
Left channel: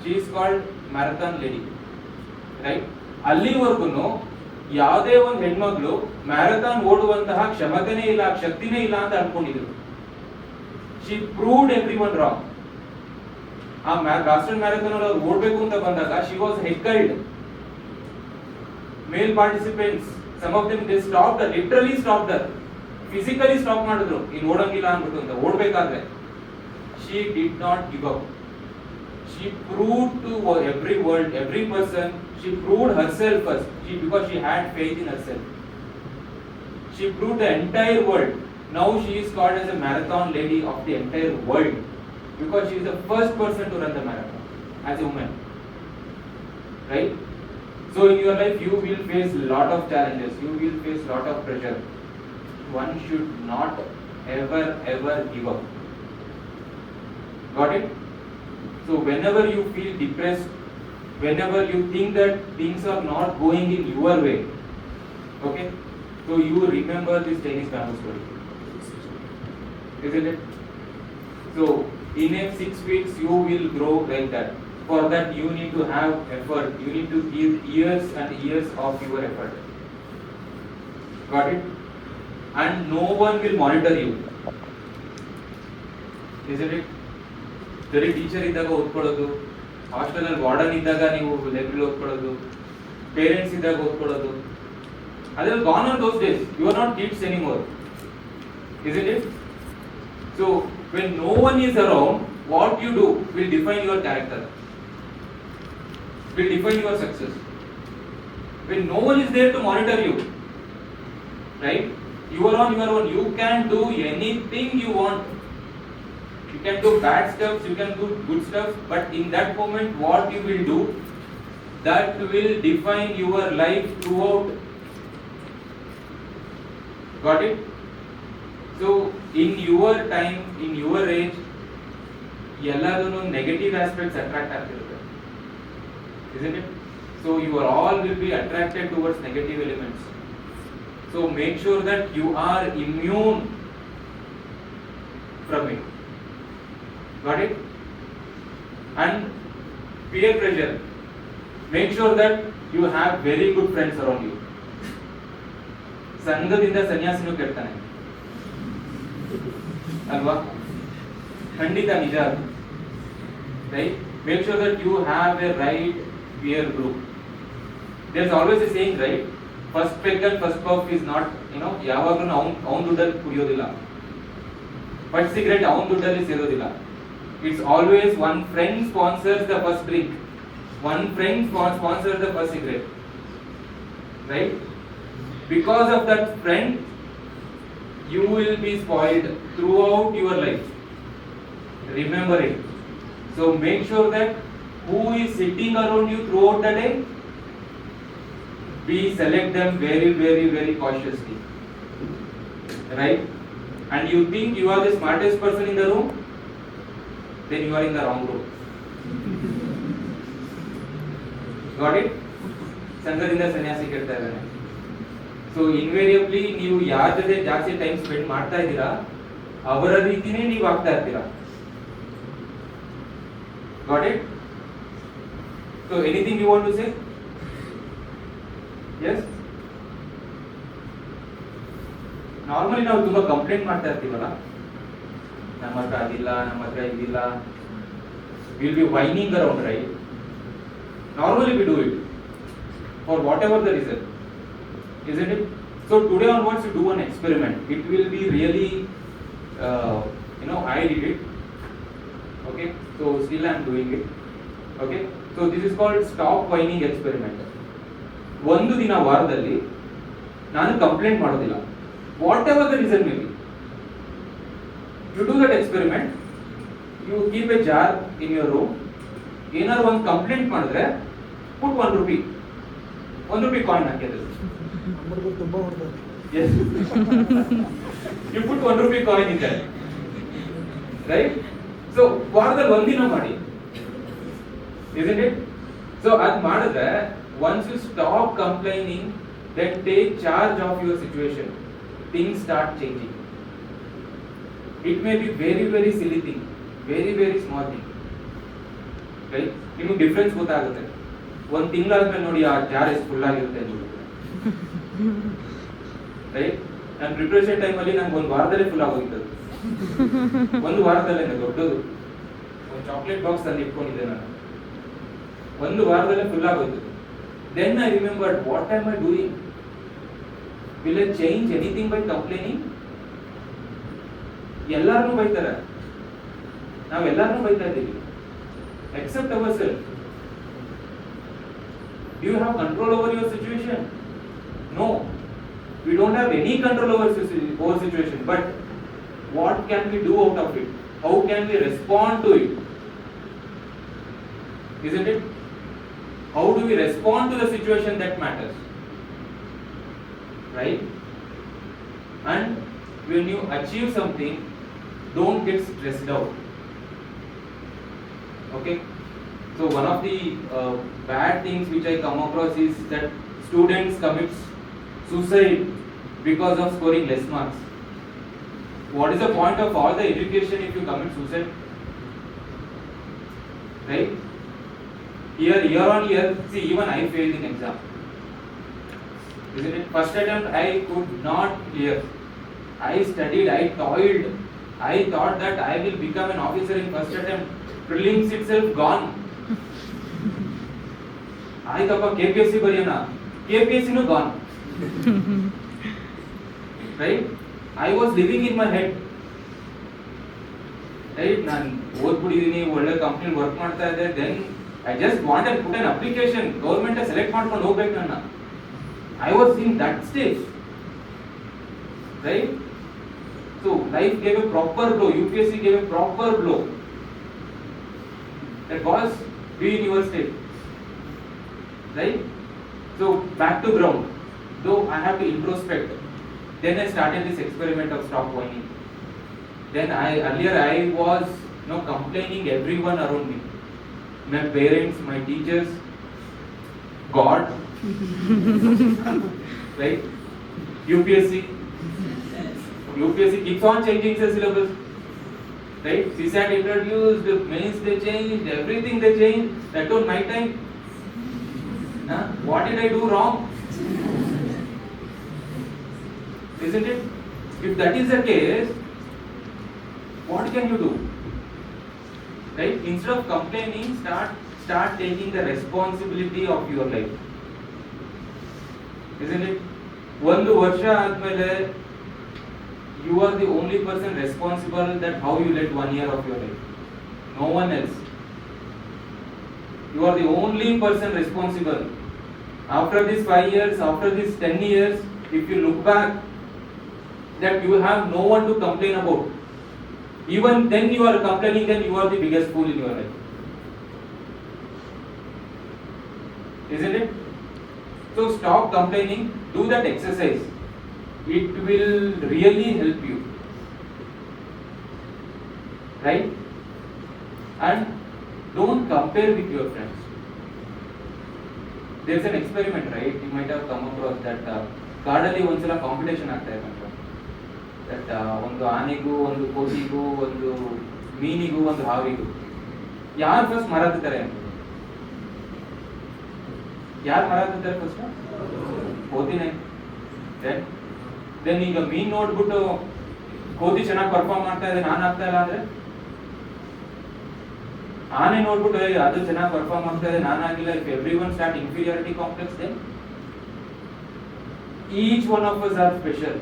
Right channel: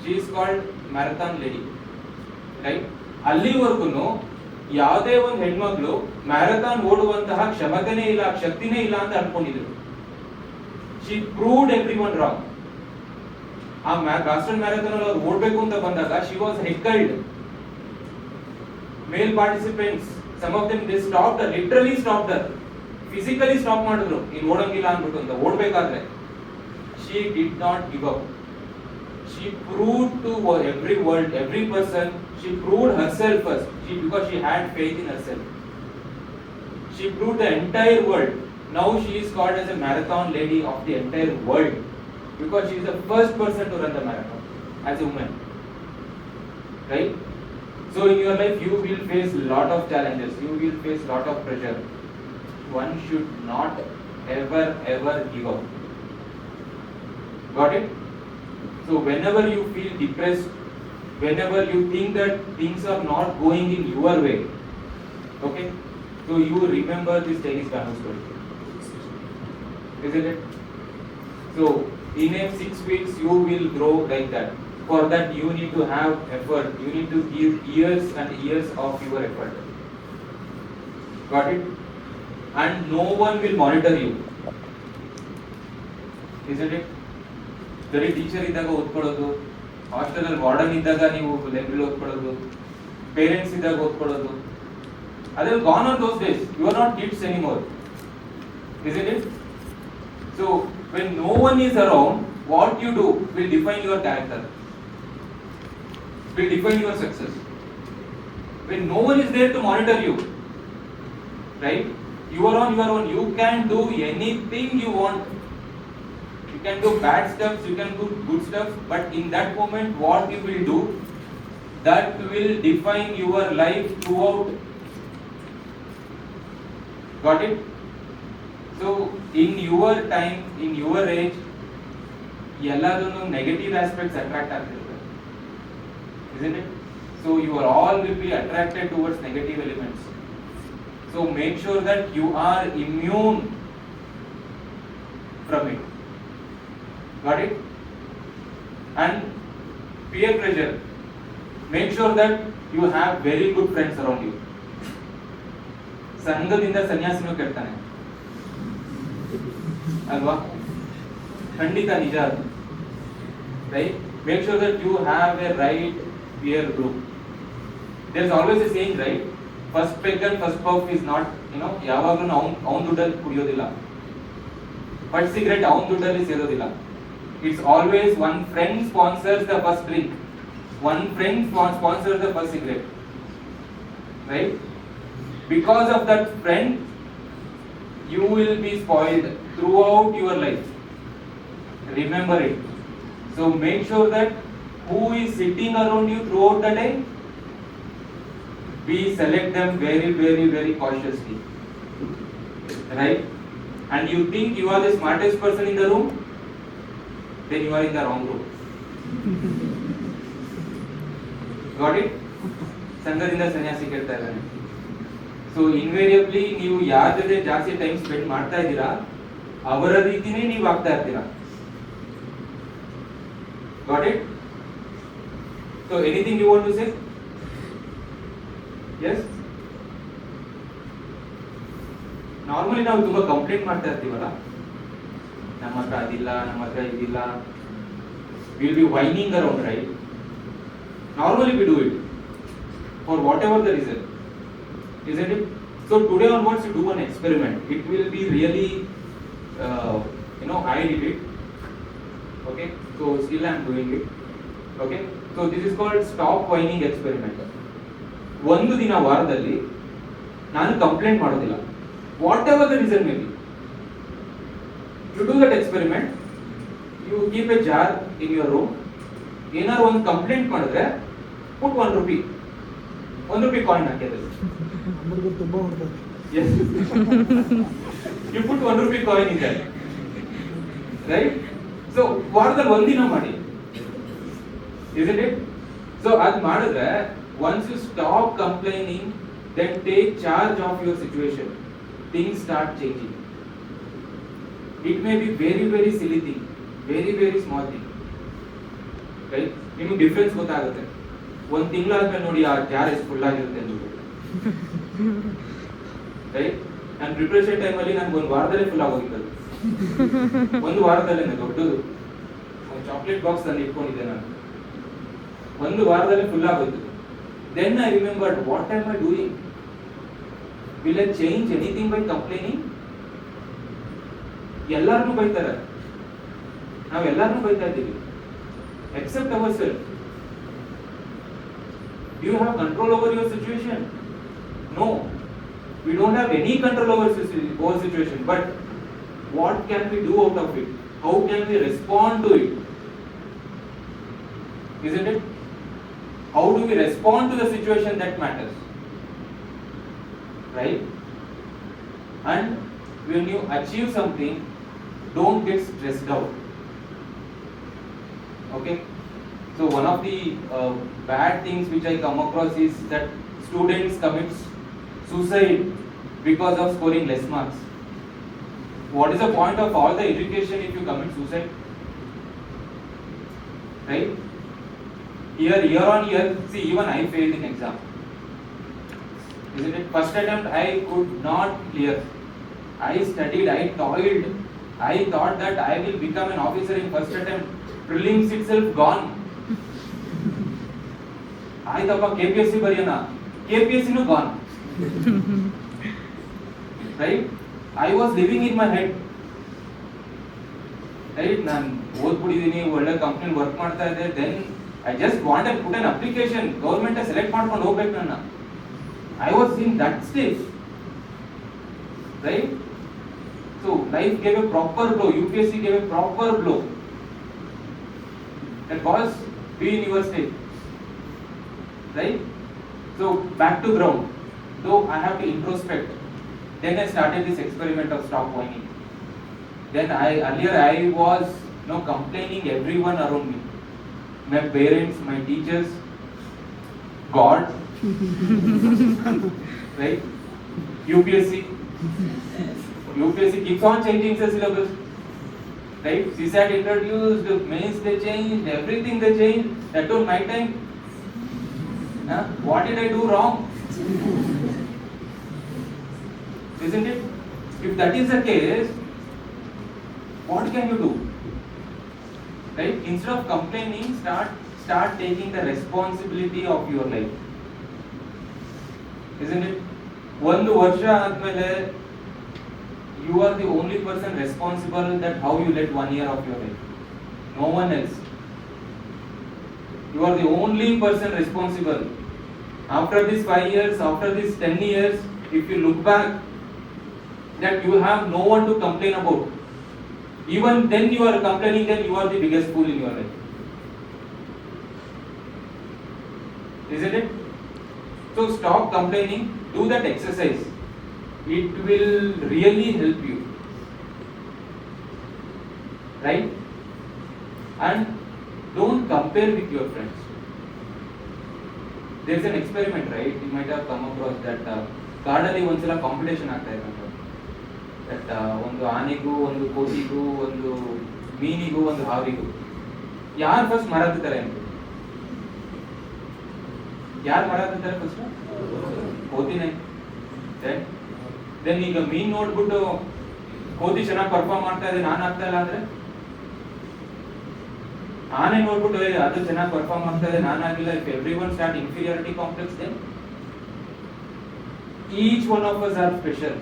she is called marathon lady, right? ಅಲ್ಲಿವರೆಗೂ ಯಾವುದೇ ಒಂದು ಹೆಣ್ಮಗಳು ಮ್ಯಾರಥಾನ್ ಓಡುವಂತಹ ಕ್ಷಮತೆನೇ ಇಲ್ಲ, ಶಕ್ತಿನೇ ಇಲ್ಲ ಅಂತ ಅನ್ಕೊಂಡಿದ್ರು. she proved everyone wrong. ಆ ಬಾಸ್ಟನ್ ಮ್ಯಾರಥಾನ್ ಅಲ್ಲಿ ಓಡಬೇಕು ಅಂತ ಬಂದಾಗ she was heckled. Male participants, some of them they stopped her, literally stopped her, physically stop ಮಾಡಿದ್ರು, ಇನ್ನು ಓಡಂಗಿಲ್ಲ ಅಂದ್ಬಿಟ್ಟು ಅಂತ. ಓಡಬೇಕಾದ್ರೆ she did not give up. She proved to every world, every person, she proved herself first, because she had faith in herself. She proved the entire world. Now she is called as a marathon lady of the entire world, because she is the first person to run the marathon as a woman, right? So in your life you will face lot of challenges, you will face lot of pressure. One should not ever give up. Got it? So whenever you feel depressed, whenever you think that things are not going in your way, okay, so you remember this Chinese family story, isn't it? So in a 6 weeks you will grow like that. For that you need to have effort, you need to give years and years of your effort. Got it? And no one will monitor you, isn't it? ಬರೀ teacher ಇದ್ದಾಗ ಓದ್ಕೊಳ್ಳೋದು, hostel ಅಲ್ಲಿ warden ಇದ್ದಾಗ ನೀವು library ಓದ್ಕೊಳ್ಳೋದು, parents ಇದ್ದಾಗ ಓದ್ಕೊಳ್ಳೋದು, ಅದೆಲ್ಲ gone on those days. You are not kids anymore, isn't it? So when no one is around, what you do will define your character, will define your success. When no one is there to monitor you, right, you are on your own, you can do anything you want. You can do bad stuff, you can do good stuff, but in that moment what you will do, that will define your life throughout. Got it? So in your time, in your age, ಎಲ್ಲದನ್ನು negative aspects attract ಆಗ್ತಿರುತ್ತೆ, isn't it? So you are all will be attracted towards negative elements. So make sure that you are immune from it. Got it? And peer pressure, make sure that you have very good friends around you. ಸಂಘದಿಂದ ಸನ್ಯಾಸಿನೂ ಕೆಡ್ತಾನೆ ಅಲ್ವಾ? ಖಂಡಿತ ನಿಜ ಅದು, right? Make sure that you have a right peer group. There is always a saying, right? First peg and first puff is not, ಯಾವಾಗಲೂ ಅವನ ದುಡ್ಡಲ್ಲಿ ಕುಡಿಯೋದಿಲ್ಲ, first cigarette ಅವನ ದುಡ್ಡಲ್ಲಿ ಸೇರೋದಿಲ್ಲ. It's always one friend sponsors the first drink, one friend sponsors the first cigarette, right? Because of that friend, you will be spoiled throughout your life. Remember it. So make sure that who is sitting around you throughout the day, we select them very, very, very cautiously. Right? And you think you are the smartest person in the room, then you are in the wrong room. Got it? ಸಂಘದಿಂದ ಸನ್ಯಾಸಿ ಕೇಳ್ತಾ ಇದ್ದಾನೆ. So invariably ನೀವು ಯಾರ ಜೊತೆ ಜಾಸ್ತಿ time spend ಮಾಡ್ತಾ ಇದ್ದೀರಾ ಅವರ ರೀತಿನೇ ನೀವು ಆಗ್ತಾ ಇರ್ತೀರಾ. Got it? So anything you want to say? Yes? Normally ನಾವು ತುಂಬಾ ಕಂಪ್ಲೇಂಟ್ ಮಾಡ್ತಾ ಇರ್ತೀವಲ್ಲ, ನಮ್ಮ ಹತ್ರ ಅದಿಲ್ಲ, ನಮ್ಮ ಹತ್ರ ಇದಿಲ್ಲ. Will be winding around, right? Normally we do it for whatever the reason, isn't it? So today onwards you do an experiment. It will be really, I did it. Okay, so still I am doing it. Okay, so this is called stop whining experiment. ಒಂದು ದಿನ ವಾರದಲ್ಲಿ ನಾನು complaint ಮಾಡೋದಿಲ್ಲ, whatever the reason may be. You do that experiment. You keep a jar in your room. ಏನಾದ್ರು ಒಂದು complaint ಮಾಡಿದ್ರೆ put 1 rupee. 1 rupee coin ಹಾಕಿದ್ರೆ yes you put 1 rupee coin in there, right? So ವಾರದಲ್ಲಿ ಒಂದಿನ ಮಾಡಿ, isn't it? So ಅದ್ ಮಾಡಿದ್ರೆ once you stop complaining, then take charge of your situation, things start changing. It may be very, very silly thing, very, very small thing, right? ನಿಮಗೆ difference ಗೊತ್ತಾಗುತ್ತೆ. ಒಂದು ತಿಂಗಳಾದ್ಮೇಲೆ ನೋಡಿ ಆ ಜಾರ್ ಎಷ್ಟು ಫುಲ್ ಆಗಿರುತ್ತೆ ನೋಡಿ, ರೈಟ್? ನಾನು ಪ್ರಿಪರೇಷನ್ ಟೈಮಲ್ಲಿ ನಂಗೆ ಒಂದು ವಾರದಲ್ಲೇ ಫುಲ್ ಆಗೋಗಿತ್ತು. ಒಂದು ವಾರದಲ್ಲೇ ದೊಡ್ಡದು ಒಂದು ಚಾಕ್ಲೇಟ್ ಬಾಕ್ಸ್ ಅಲ್ಲಿ ಇಟ್ಕೊಂಡಿದ್ದೆ ನಾನು, ಒಂದು ವಾರದಲ್ಲೇ ಫುಲ್ ಆಗೋಯ್ತು. Then I remembered, what am I doing? Will I change anything by complaining? ಎಲ್ಲಾರನ್ನೂ ಬೈತಾರೆ, ನಾವು ಎಲ್ಲಾರನ್ನೂ ಬೈತಾ ಇದ್ದೀವಿ except ourselves. Do you have control over your situation? No, we don't have any control over situation. But what can we do out of it? How can we respond to it? Isn't it? How do we respond to the situation that matters? Right? And when you achieve something, don't get stressed out. Okay, so one of the bad things which I come across is that students commit suicide because of scoring less marks. What is the point of all the education if you commit suicide? Right? Year on year, see, even I failed in exam. Isn't it? First attempt I could not clear. I studied, I toiled, I thought that I will become an officer in first attempt. Prelims itself gone. ಆಯ್ತಪ್ಪ KPSC ಬರೆಯೋಣ, KPSC ನೂ gone. Right? I was living in my head. Right? ನಾನು ಓದ್ಬಿಟ್ಟಿದ್ದೀನಿ, ಒಳ್ಳೆ company work ಮಾಡ್ತಾ ಇದ್ದೆ. Then I just wanted to put an application. Government select ಮಾಡ್ಕೊಂಡು ಹೋಗ್ಬೇಕು ನನ್ನ. I was in that stage. Right? So life gave a proper blow. UPSC gave a proper blow. That was be in your state, right? So back to ground. Though I have to introspect, then I started this experiment of stop whining. Then earlier I was complaining everyone around me, my parents, my teachers, God, right? UPSC keeps on changing the syllabus. Right? CSAT introduced, mains they changed, everything they changed. That was my time. What did I do wrong? Isn't it? If that is the case, what can you do? Right? Instead of complaining, start taking the responsibility of your life. Isn't it? ಒಂದು ವರ್ಷ ಆದ್ಮೇಲೆ you are the only person responsible that how you led 1 year of your life. No one else. You are the only person responsible. After these 5 years, after these 10 years, if you look back, that you have no one to complain about. Even then you are complaining, then you are the biggest fool in your life. Isn't it? So stop complaining, do that exercise. It will really help you. Right? And don't compare with your friends. There's an experiment, right? You might have come across that ಗಾರ್ಡಲ್ಲಿ ಒಂದ್ಸಲ competition ಆಗ್ತಾ ಇರುತ್ತೆ. That ಒಂದು ಆನೆಗೂ ಒಂದು ಕೋತಿಗೂ ಒಂದು ಮೀನಿಗೂ ಒಂದು ಹಾವಿಗೂ ಯಾರು first ಮರ ಹತ್ತುತ್ತಾರೆ ಅಂತ. ಯಾರು ಮರ ಹತ್ತುತ್ತಾರೆ ಫಸ್ಟ್? ಕೋತಿನೇ. ದೆನ್ ಈಗ ಮೀನ್ ನೋಡ್ಬಿಟ್ಟು ಕೋತಿ ಚೆನ್ನಾಗಿ ಪರ್ಫಾರ್ಮ್ ಮಾಡ್ತಾ ಇದೆ, ನಾನು ಆಗ್ತಾ ಇಲ್ಲ ಅಂದ್ರೆ, ಆನೆ ನೋಡ್ಬಿಟ್ಟು ಅದು ಚೆನ್ನಾಗಿ ಪರ್ಫಾರ್ಮ್ ಮಾಡ್ತಾ ಇದೆ, ನಾನು ಆಗಿಲ್ಲ. If everyone start inferiority complex, then each one of us are special.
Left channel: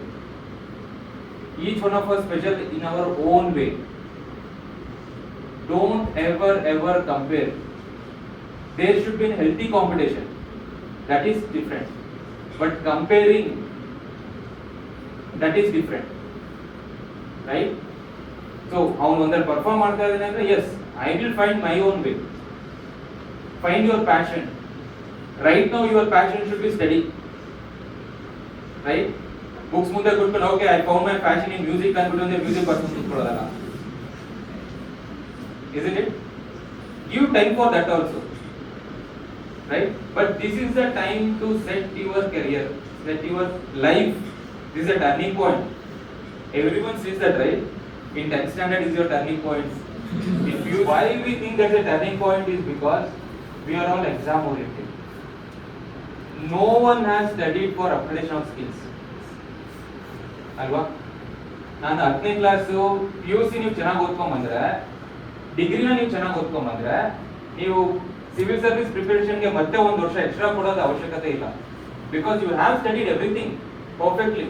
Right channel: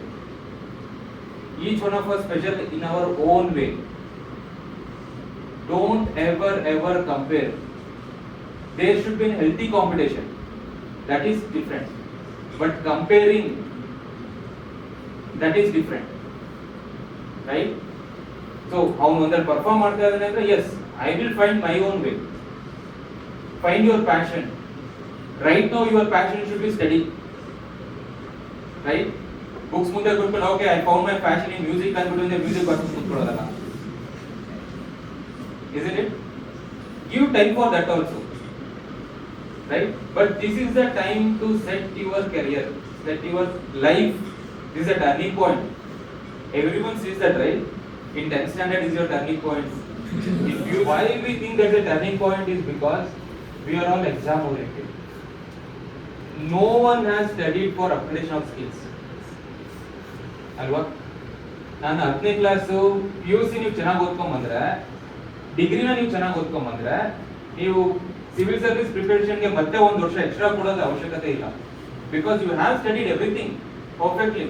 Each one of us special in our own way. Don't ever compare. There should be a healthy competition. That is different. But comparing, that is different. Right? So, how one perform ಮಾಡ್ತಾ ಇದ್ದಾನೆ ಅಂದ್ರೆ, yes, I will find my own way. Find your passion. Right now your passion should be study. Right? Books ಮುಂದೆ ಕೊಟ್ಬಿಟ್ಟು okay I found my passion in music ಅಂದ್ಬಿಟ್ಟು music ಬರ್ಕೊಂಡು ಕೂತ್ಕೊಳ್ಳೋದಲ್ಲ. Isn't it? Give time for that also. Right? But this is the time to set your career, set your life. This is a turning point. Everyone says that, right? In 10th standard is your turning point. Why we think that the turning point is because we are all exam oriented. No one has studied for application of skills. ಅಲ್ವಾ? ನಾನು 10ನೇ class PUC ನೀವು ಚೆನ್ನಾಗಿ ಓದ್ಕೊಂಡ್ ಬಂದ್ರೆ, ಡಿಗ್ರಿನ ನೀವು ಚೆನ್ನಾಗಿ ಓದ್ಕೊಂಡ್ ಬಂದ್ರೆ, ನೀವು civil service ಪ್ರಿಪರೇಷನ್ಗೆ ಮತ್ತೆ ಒಂದು ವರ್ಷ ಎಕ್ಸ್ಟ್ರಾ ಕೊಡೋದು ಅವಶ್ಯಕತೆ ಇಲ್ಲ. Because you have studied everything perfectly.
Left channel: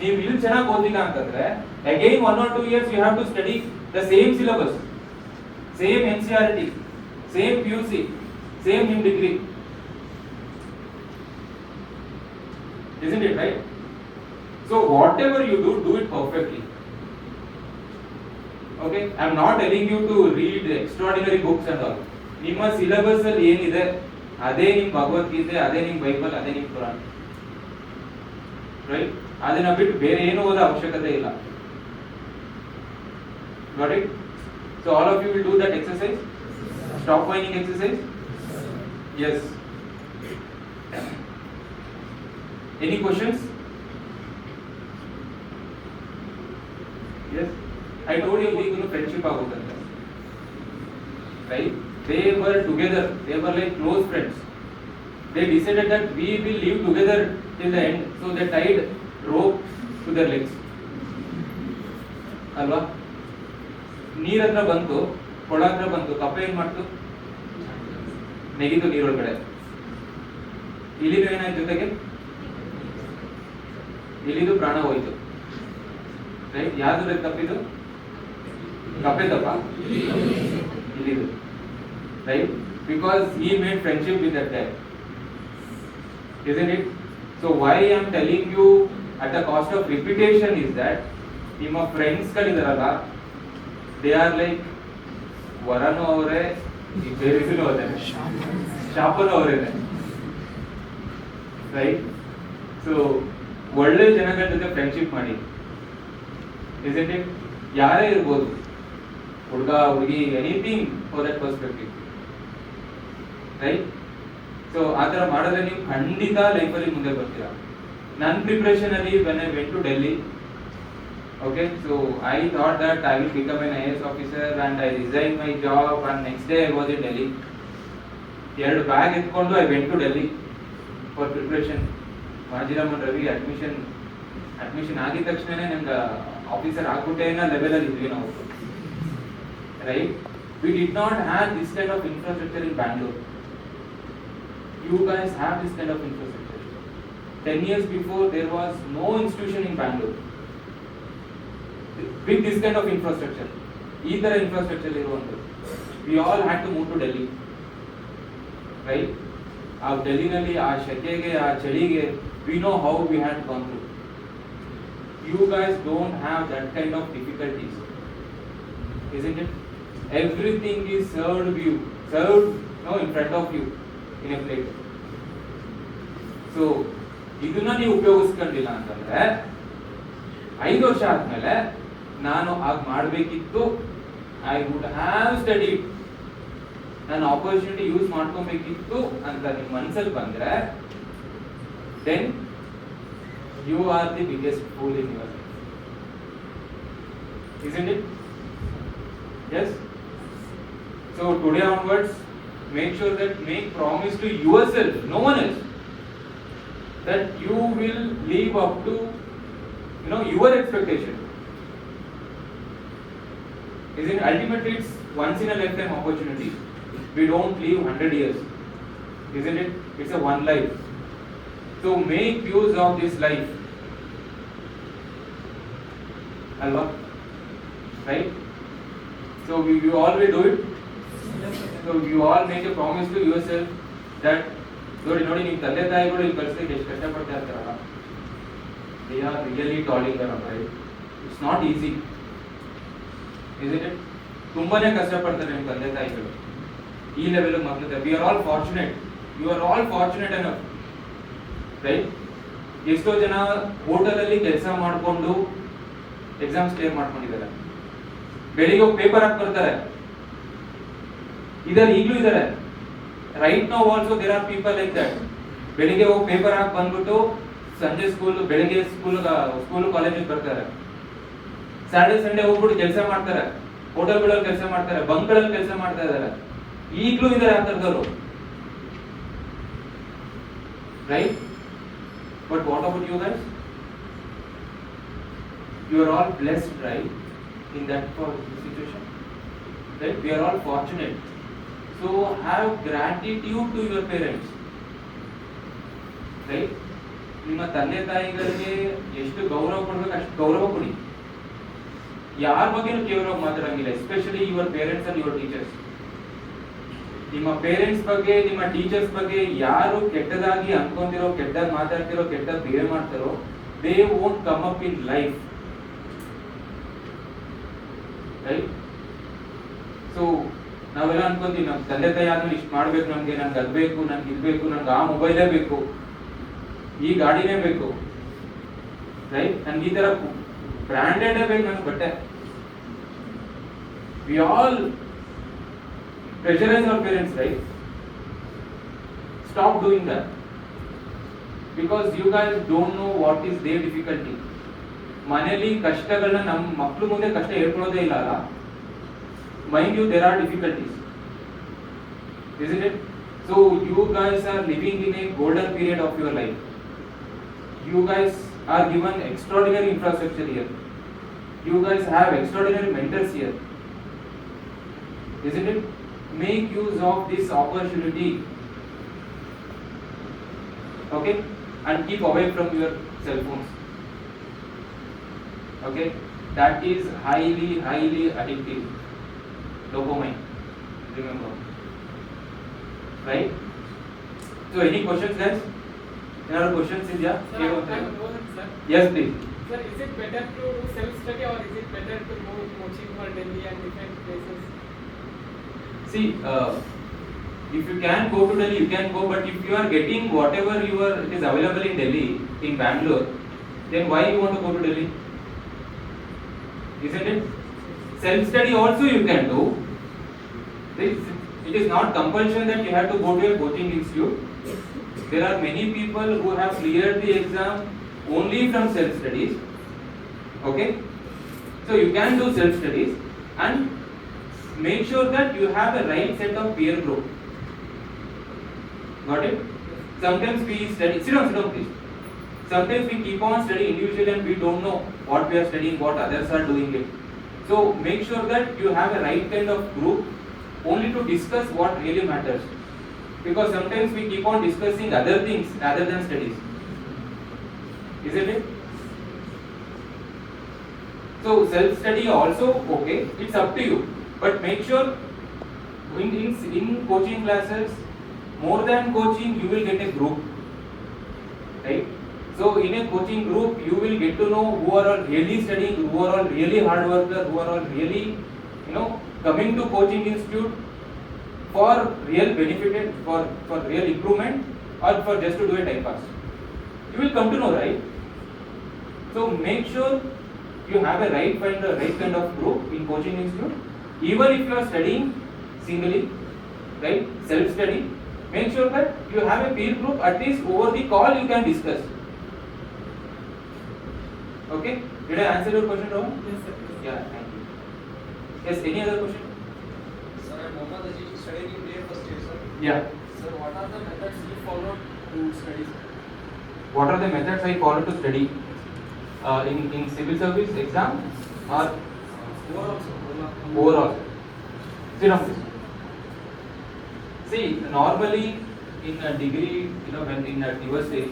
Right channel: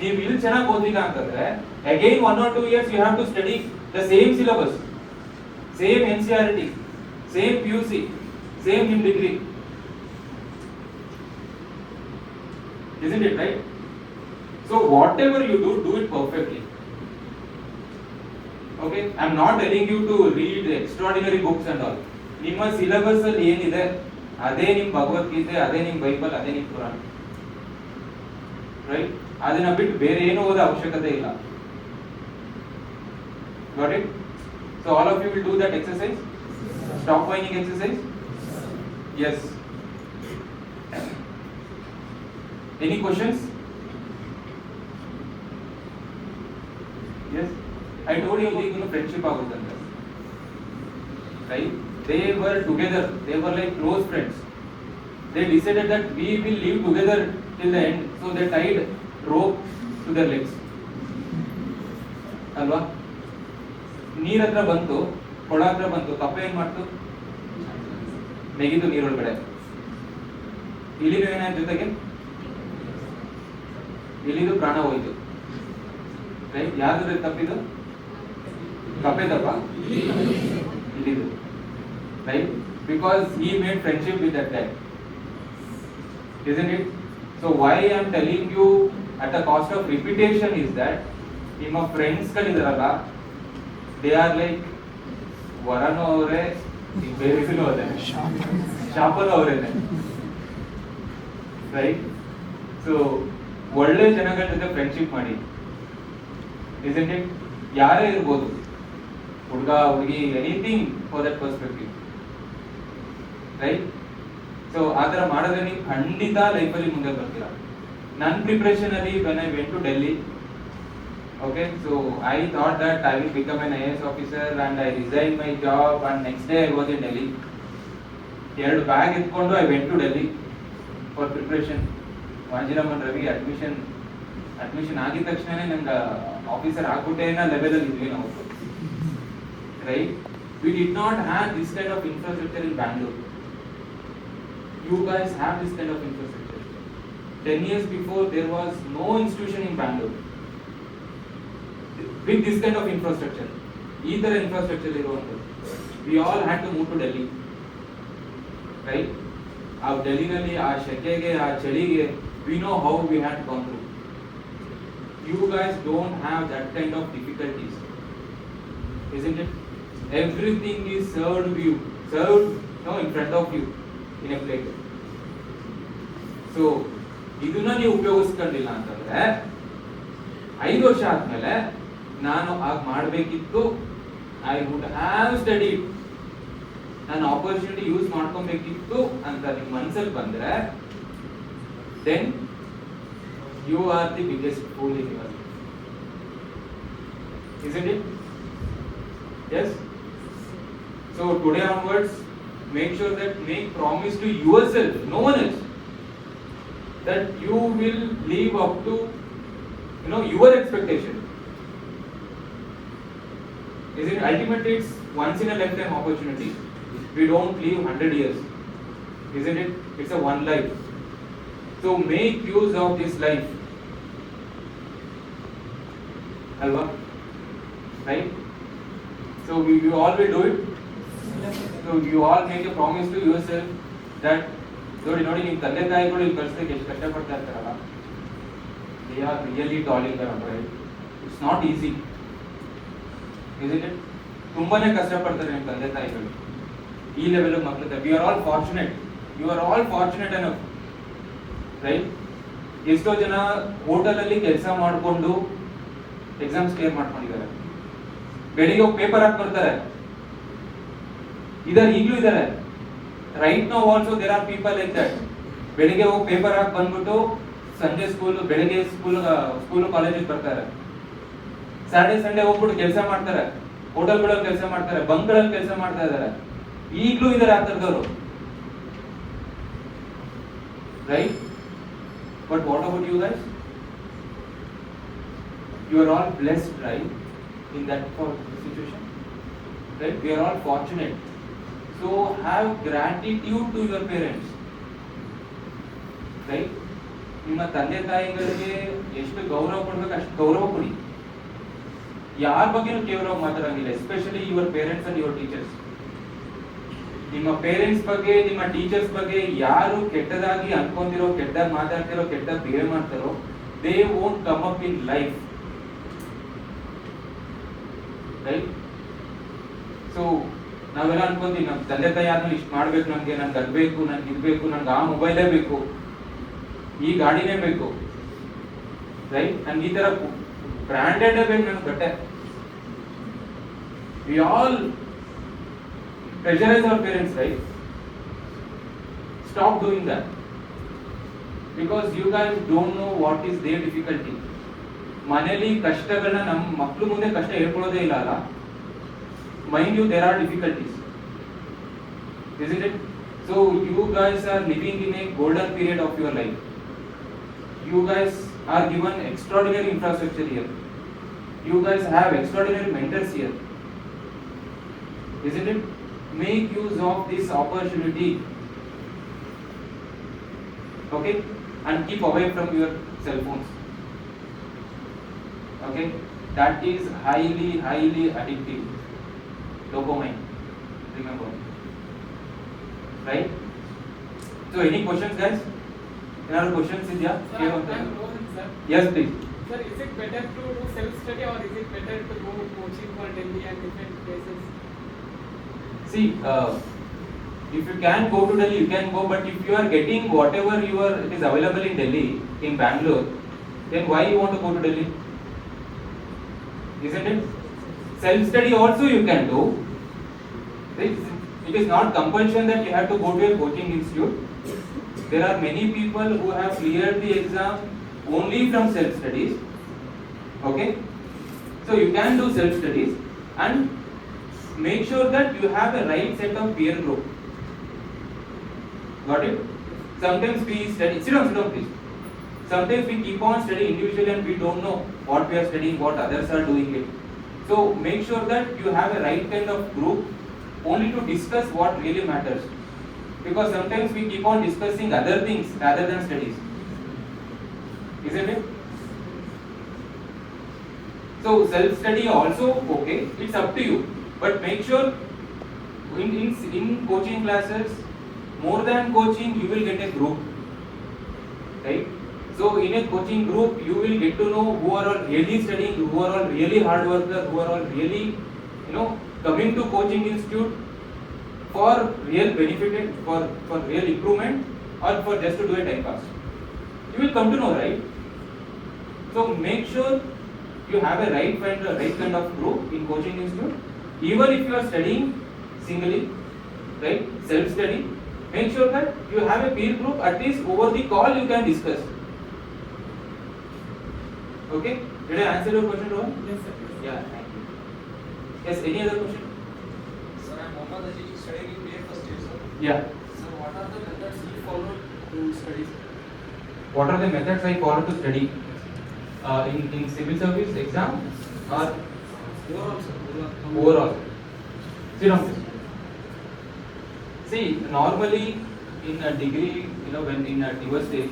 ನೀವು ಇಲ್ಲಿ ಚೆನ್ನಾಗಿ ಓದಿಲ್ಲ ಅಂತಂದ್ರೆ again 1 or 2 years you have to study the same syllabus, same NCERT, same PUC, same in degree. Isn't it right? So whatever you do it perfectly. Okay, I am not telling you to read extraordinary books and all. ನಿಮ್ಮ syllabus ಅಲ್ಲಿ ಏನಿದೆ ಅದೇ ನಿಮ್ ಭಗವದ್ಗೀತೆ, ಅದೇ ನಿಮ್ Bible, ಅದೇ ನಿಮ್ ಪುರಾಣ. ರೈಟ್? ಅದನ್ನ ಬಿಟ್ಟು ಬೇರೆ ಏನು ಓದೋ ಅವಶ್ಯಕತೆ ಇಲ್ಲ. Got it? So all of you will do that exercise. Stop whining exercise. Yes. Any questions? Yes. I told you we friendship agutante. Right? They were together. They were like close friends. They decided that we will live together till the end. So they tied rope to their legs. ಅಲ್ವಾ? ನೀರ್ ಹತ್ರ ಬಂತು, ಕೊಳ ಹತ್ರ ಬಂತು, ಕಪ್ಪೆ ಏನ್ ಮಾಡ್ತು? ನೆಗಿದು ನೀರೊಳಗಡೆ. ಇಲ್ಲಿನೂ ಏನಾಯ್ತು ಜೊತೆಗೆ? ಇಲ್ಲಿದು ಪ್ರಾಣ ಹೋಯ್ತು. ರೈಟ್? ಯಾವ್ದು ತಪ್ಪಿದು? ಕಪ್ಪೆ ತಪ್ಪ? ಇಲ್ಲಿದು. Right? Because he made friendship with that guy. Isn't it? So why I am telling you at the cost of reputation is that ನಿಮ್ಮ ಫ್ರೆಂಡ್ಸ್ ಗಳಿದಾರಲ್ಲ, they are like ವರನು ಅವರೇ, ಬೇರೆನೂ ಅವರೇ, ಶಾಪನು ಅವರೇನೆ. ರೈಟ್? ಸೊ ಒಳ್ಳೆ ಜನಗಳ ಜೊತೆ ಫ್ರೆಂಡ್ಶಿಪ್ ಮಾಡಿ. Isn't it? ಯಾರೇ ಇರ್ಬೋದು, ಹುಡುಗ ಹುಡುಗಿ, anything for that perspective. Right? So ಆ ಥರ ಮಾಡಿದ್ರೆ ನೀವು ಖಂಡಿತ ಲೈಫಲ್ಲಿ ಮುಂದೆ ಬರ್ತೀರಾ. ನನ್ನ ಪ್ರಿಪ್ರೇಷನ್ ಅಲ್ಲಿ when I went to Delhi, okay, so I thought that I will become an IAS officer and I resigned my job and next day I was in Delhi. ಎರಡು ಬ್ಯಾಗ್ ಎತ್ಕೊಂಡು I went to Delhi for preparation. ಮಾಜಿರಾಮನ್ Ravi admission ಆಗಿದ ತಕ್ಷಣ ನಂಗೆ officer ಆಗ್ಬಿಟ್ಟೆ ಅನ್ನೋ level ಅಲ್ಲಿ ಇದ್ವಿ ನಾವು. Right? We did not have this kind of infrastructure in Bangalore. You guys have this kind of infrastructure. 10 years before there was no institution in Bangalore with this kind of infrastructure. ಈ ತರ infrastructure ಇರುವಂತದ್ದು. We all had to move to Delhi. Right? ಆ ಡೆಲ್ಲಿನಲ್ಲಿ ಆ ಶೆಕೆಗೆ, ಆ ಚಳಿಗೆ, we know how we had gone through. You guys don't have that kind of difficulties. Isn't it? Everything is served in front of you in a plate. So ಇದನ್ನ ನೀವು ಉಪಯೋಗಿಸ್ಕೊಂಡಿಲ್ಲ ಅಂತಂದ್ರೆ 5 ವರ್ಷ ಆದ್ಮೇಲೆ ನಾನು ಆಗ ಮಾಡಬೇಕಿತ್ತು, ಐ ವುಡ್ ಹ್ಯಾವ್ ಸ್ಟಡಿ, ನಾನು opportunity use ಮಾಡ್ಕೊಬೇಕಿತ್ತು ಅಂತ ನಿಮ್ಮ ಮನಸ್ಸಲ್ಲಿ ಬಂದ್ರೆ then you are the biggest fool in your life, isn't it? Yes. So today onwards, make sure that make promise to yourself, no one else, that you will live up to your expectation. Isn't it? Ultimately it's once in a lifetime opportunity. We don't live 100 years, isn't it? It's a one life. So make use of this life. Alva? Right? So you all will do it. So you all make a promise to yourself that ನೋಡಿ ನಿಮ್ಮ ತಂದೆ ತಾಯಿಗಳು ಈ ಪರಿಸ್ಥಿತಿ ಎಷ್ಟು ಕಷ್ಟಪಡ್ತಾ ಇರ್ತಾರಲ್ಲ, they are really toiling around, right? It's not easy, isn't it? ತುಂಬಾನೇ ಕಷ್ಟಪಡ್ತಾರೆ ನಿಮ್ಮ ತಂದೆ ತಾಯಿಗಳು ಈ ಲೆವೆಲ್ ಮಕ್ಕಳು. We are all fortunate. You are all fortunate enough. Right? ಎಷ್ಟೋ ಜನ ಹೋಟೆಲ್ ಅಲ್ಲಿ ಕೆಲಸ ಮಾಡಿಕೊಂಡು ಎಕ್ಸಾಮ್ಸ್ ಕ್ಲಿಯರ್ ಮಾಡ್ಕೊಂಡಿದ್ದಾರೆ. ಬೆಳಿಗ್ಗೆ ಹೋಗಿ ಪೇಪರ್ ಹಾಕಿ ಬರ್ತಾರೆ. ಇದರಲ್ಲಿ ಈಗಲೂ ಇದ್ದಾರೆ. Right now also there are people like that. ಬೆಳಿಗ್ಗೆ ಹೋಗಿ ಪೇಪರ್ ಹಾಕಿ ಬಂದ್ಬಿಟ್ಟು ಸಂಜೆ ಬೆಳಿಗ್ಗೆ ಸ್ಕೂಲ್ ಕಾಲೇಜಿಗೆ ಬರ್ತಾರೆ. ಸ್ಯಾಟರ್ಡೆ ಸಂಡೇ ಹೋಗ್ಬಿಟ್ಟು ಕೆಲಸ ಮಾಡ್ತಾರೆ, ಹೋಟೆಲ್ಗಳಲ್ಲಿ ಕೆಲಸ ಮಾಡ್ತಾರೆ, ಬಂಕ್ಗಳಲ್ಲಿ ಕೆಲಸ ಮಾಡ್ತಾ ಇದ್ದಾರೆ. ಈಗಲೂ ಇದ್ದಾರೆ ಆ ಥರದವರು, right? But what about you guys? You are all blessed, right? In that situation, right? We are all fortunate. So have gratitude to your parents, right? ನಿಮ್ಮ ತಂದೆ ತಾಯಿಗಳಿಗೆ ಎಷ್ಟು ಗೌರವ ಕೊಡ್ಬೇಕು ಅಷ್ಟು ಗೌರವ ಕೊಡಿ. ಯಾರ ಬಗ್ಗೆನೂ ಕೇವಲ ಮಾತಾಡಂಗಿಲ್ಲ, especially your parents and your teachers. ನಿಮ್ಮ ಪೇರೆಂಟ್ಸ್ ಬಗ್ಗೆ, ನಿಮ್ಮ ಟೀಚರ್ಸ್ ಬಗ್ಗೆ ಯಾರು ಕೆಟ್ಟದಾಗಿ ಅನ್ಕೊಂಡಿರೋ, ಕೆಟ್ಟದಾಗಿ ಮಾತಾಡ್ತಿರೋ, ಕೆಟ್ಟದಾಗಿ ಬಿಹೇವ್ ಮಾಡ್ತಾರೋ, they won't come up in life, right? So ನಾವೆಲ್ಲ ಅನ್ಕೊಂತೀವಿ ನಮ್ಮ ತಂದೆ ತಾಯಿ ಆದ್ಮೇಲೆ ಇಷ್ಟು ಮಾಡ್ಬೇಕು, ನನ್ಗೆ ಅದ್ ಬೇಕು, ನನ್ಗೆ ಇದ್ಬೇಕು, ನನ್ಗೆ ಆ ಮೊಬೈಲೇ ಬೇಕು, ಈ ಗಾಡಿನೇ ಬೇಕು, ರೈಟ್? ನನ್ಗೆ ಈ ತರ ಬ್ರಾಂಡೆಡ್ ಬೇಕು ನನ್ಗೆ ಬಟ್ಟೆ. We all pressurize our parents, right? Stop doing that, because you guys don't know what is their difficulty. ಮನೆಯಲ್ಲಿ ಕಷ್ಟಗಳನ್ನ ನಮ್ಮ ಮಕ್ಕಳು ಮುಂದೆ ಕಷ್ಟ ಹೇಳ್ಕೊಳ್ಳೋದೇ ಇಲ್ಲ ಅಲ್ಲ. Mind you, there are difficulties, isn't it? So you guys are living in a golden period of your life. You guys are given extraordinary infrastructure here. You guys have extraordinary mentors here, isn't it? Make use of this opportunity, okay? And keep away from your cell phones, okay? That is highly addictive. Dopamine, remember, right? So any questions guys? Any other questions? India? Yes please. Sir, is it better to do self study or is it better to go coaching for Delhi and different places? See, if you can go to Delhi, you can go, but if you are getting whatever it is available in Delhi, in Bangalore, then why you want to go to Delhi? Isn't it? Self-study also you can do. It is not compulsion that you have to go to a coaching institute. There are many people who have cleared the exam only from self-studies. Okay? So you can do self-studies and make sure that you have a right set of peer group. Got it? Sometimes we study, sit down please. Sometimes we keep on studying individually and we don't know what we are studying, what others are doing it. So make sure that you have a right kind of group only to discuss what really matters. Because sometimes we keep on discussing other things rather than studies. Isn't it? So self-study also okay, it's up to you. But make sure in coaching classes, more than coaching, you will get a group, right? So in a coaching group, you will get to know who are all really studying, who are all really hard workers, who are all really, coming to coaching institute for real benefit, for real improvement, or for just to do a time pass. you will come to know, right? So make sure you have a right kind of group in coaching institute. Even if you are studying singly, right, self-study, make sure that you have a peer group. At least over the call you can discuss. Okay? Did I answer your question, Rohan? Yes, sir. Yeah, thank you. Yes, any other question? Sir, I'm Mohammed Aziz, studying in year first year, sir. Yeah. Sir, what are the methods you follow to study? What are the methods I follow to study? In civil service exam or Overall, sir. overall? See, normally in a degree, when in a your stage,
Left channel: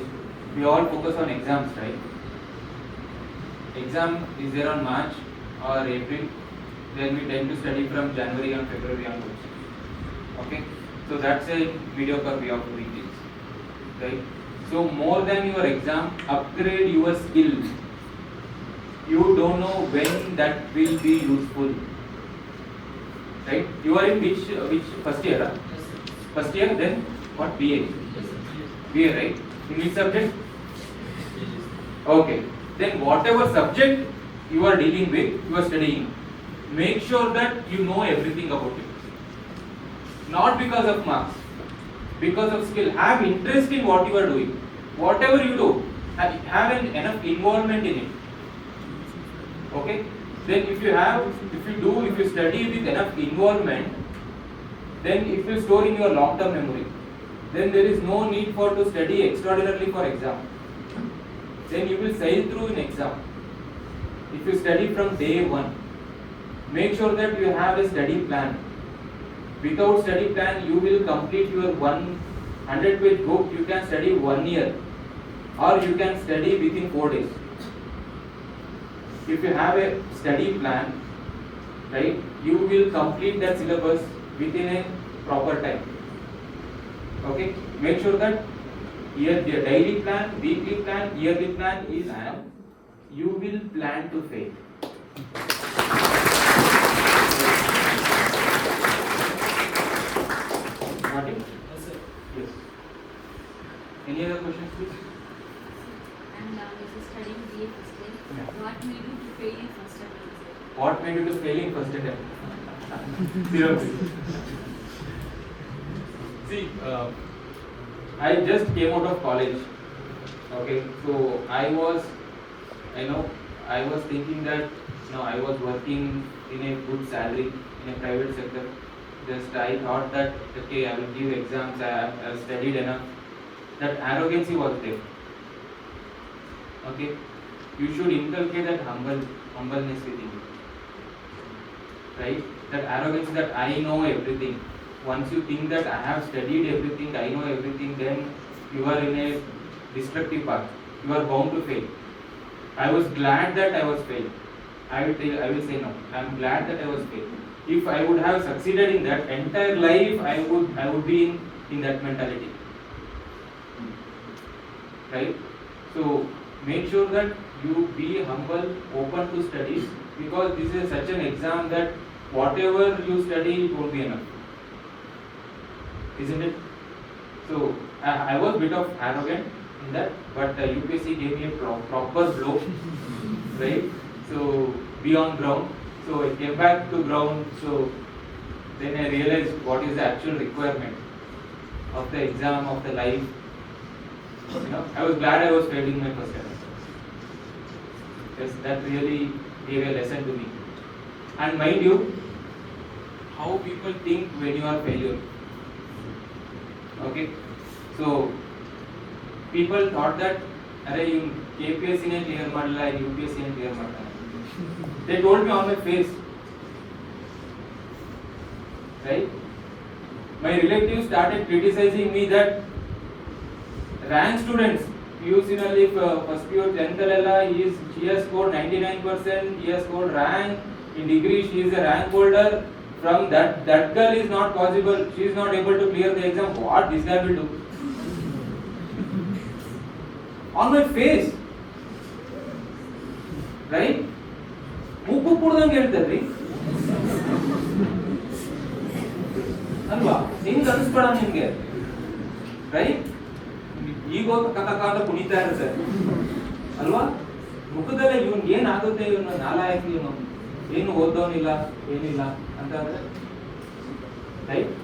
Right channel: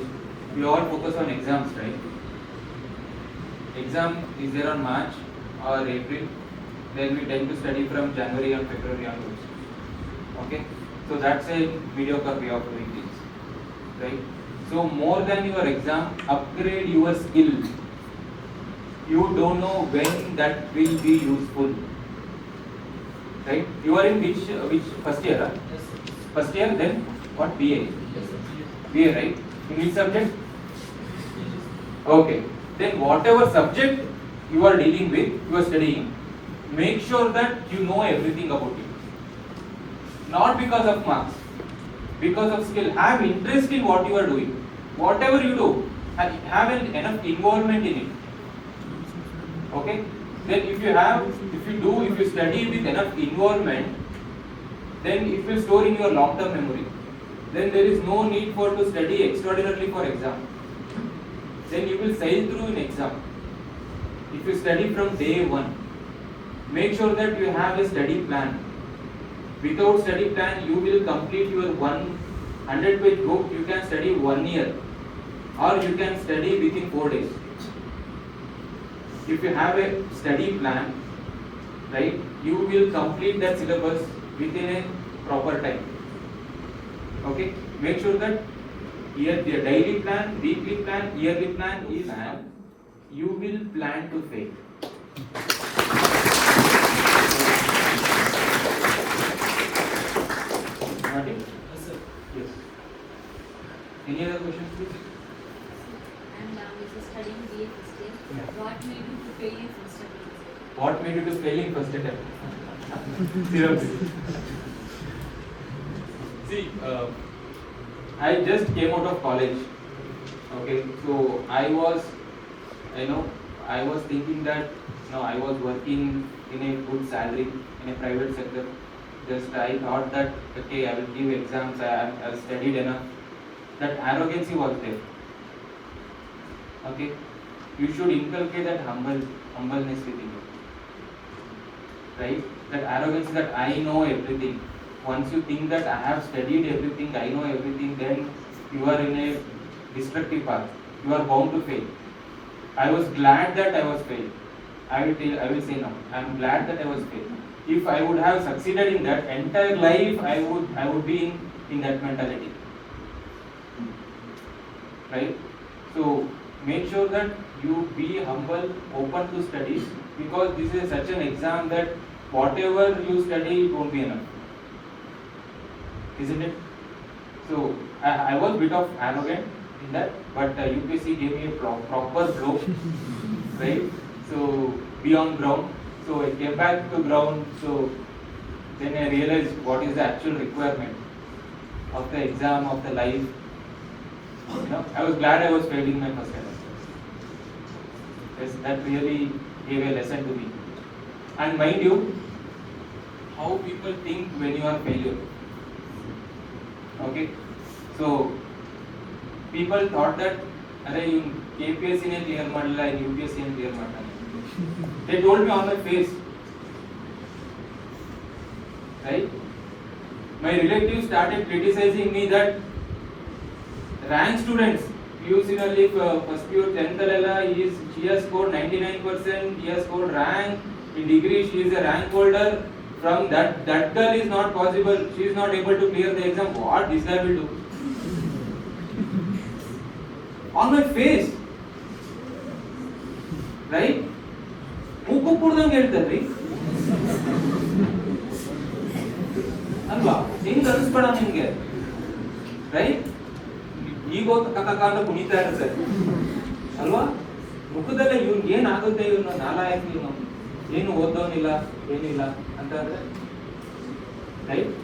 we all focus on exams, right? Exam is there on March or April, then we tend to study from January and February onwards. Okay? So that's a mediocre way of doing things, right? So more than your exam, upgrade your skill. You don't know when that will be useful, right? You are in which first year? Huh? First year, then what? BA. BA, right? In which subject? Okay. Then whatever subject you are dealing with, you are studying, make sure that you know everything about it. Not because of marks, because of skill. Have interest in what you are doing. Whatever you do, have enough involvement in it. Okay? Then if you study with enough involvement, then it will store in your long-term memory. Then there is no need for to study extraordinarily for exam. Then you will sail through in exam. If you study from day one, make sure that you have a study plan. Without study plan, you will complete your 100-page book. You can study 1 year, or you can study within 4 days. If you have a study plan, right, you will complete that syllabus within a proper time. Okay, make sure that your daily plan, weekly plan, yearly plan is plan. You will plan to fail. Not it? Yes, sir. Yes. Any other questions, please? And this is studying BA first year. What made you to fail in first attempt? What made you to fail in first attempt? Zero. See, I just came out of college. Okay, so I was thinking that I was working in a good salary in a private sector. Just I thought that okay, I will give exams. I studied enough. That arrogance was there. Okay, you should inculcate that humbleness within you. Right? That arrogance that I know everything. Once you think that I have studied everything, I know everything, then you are in a destructive path. You are bound to fail. I was glad that I was failed. I will say no. I am glad that I was failed. If I would have succeeded in that entire life, I would be in that mentality. Right? So make sure that you be humble, open to studies, because this is such an exam that whatever you study, it won't be enough. Isn't it? So I was a bit of arrogant in that, but UPSC gave me a proper blow, right? So be on ground. So I came back to ground. So then I realized what is the actual requirement of the exam, of the life. I was glad I was failed in my first attempt. Yes, that really gave a lesson to me. And mind you, how people think when you are failure. Okay, so people thought that, you KPSC ne clear madala, UPSC ne clear madala. They told me on my face, right? My relatives started criticizing me that rank students, PUC first year 10th she has scored 99%, he has scored rank in degree, she is a rank holder. From that girl is not possible, she is not able to clear the exam. What this guy will do? On my face, right? ಮೂಕು ಕುಡ್ದಂಗೆ ಹೇಳ್ತಾರ್ರಿ ಅಲ್ವಾ? ಹಿಂಗ್ ಅನಿಸ್ಬೇಡ ನಿಮ್ಗೆ, right? ಈಗ ಈಗೋ ಕಕ್ಕ ಅಂತ ಕುಣಿತಾ ಇರುತ್ತೆ ಅಲ್ವಾ? ಮುಖದಲ್ಲೇ ಇವ್ನಿಗೆ ಏನಾಗುತ್ತೆ, ಇವನು ನಾಲಾಯಕ, ಇವನು ಏನು ಓದೋನಿಲ್ಲ ಏನಿಲ್ಲ ಅಂತ ಅಂದ್ರೆ right.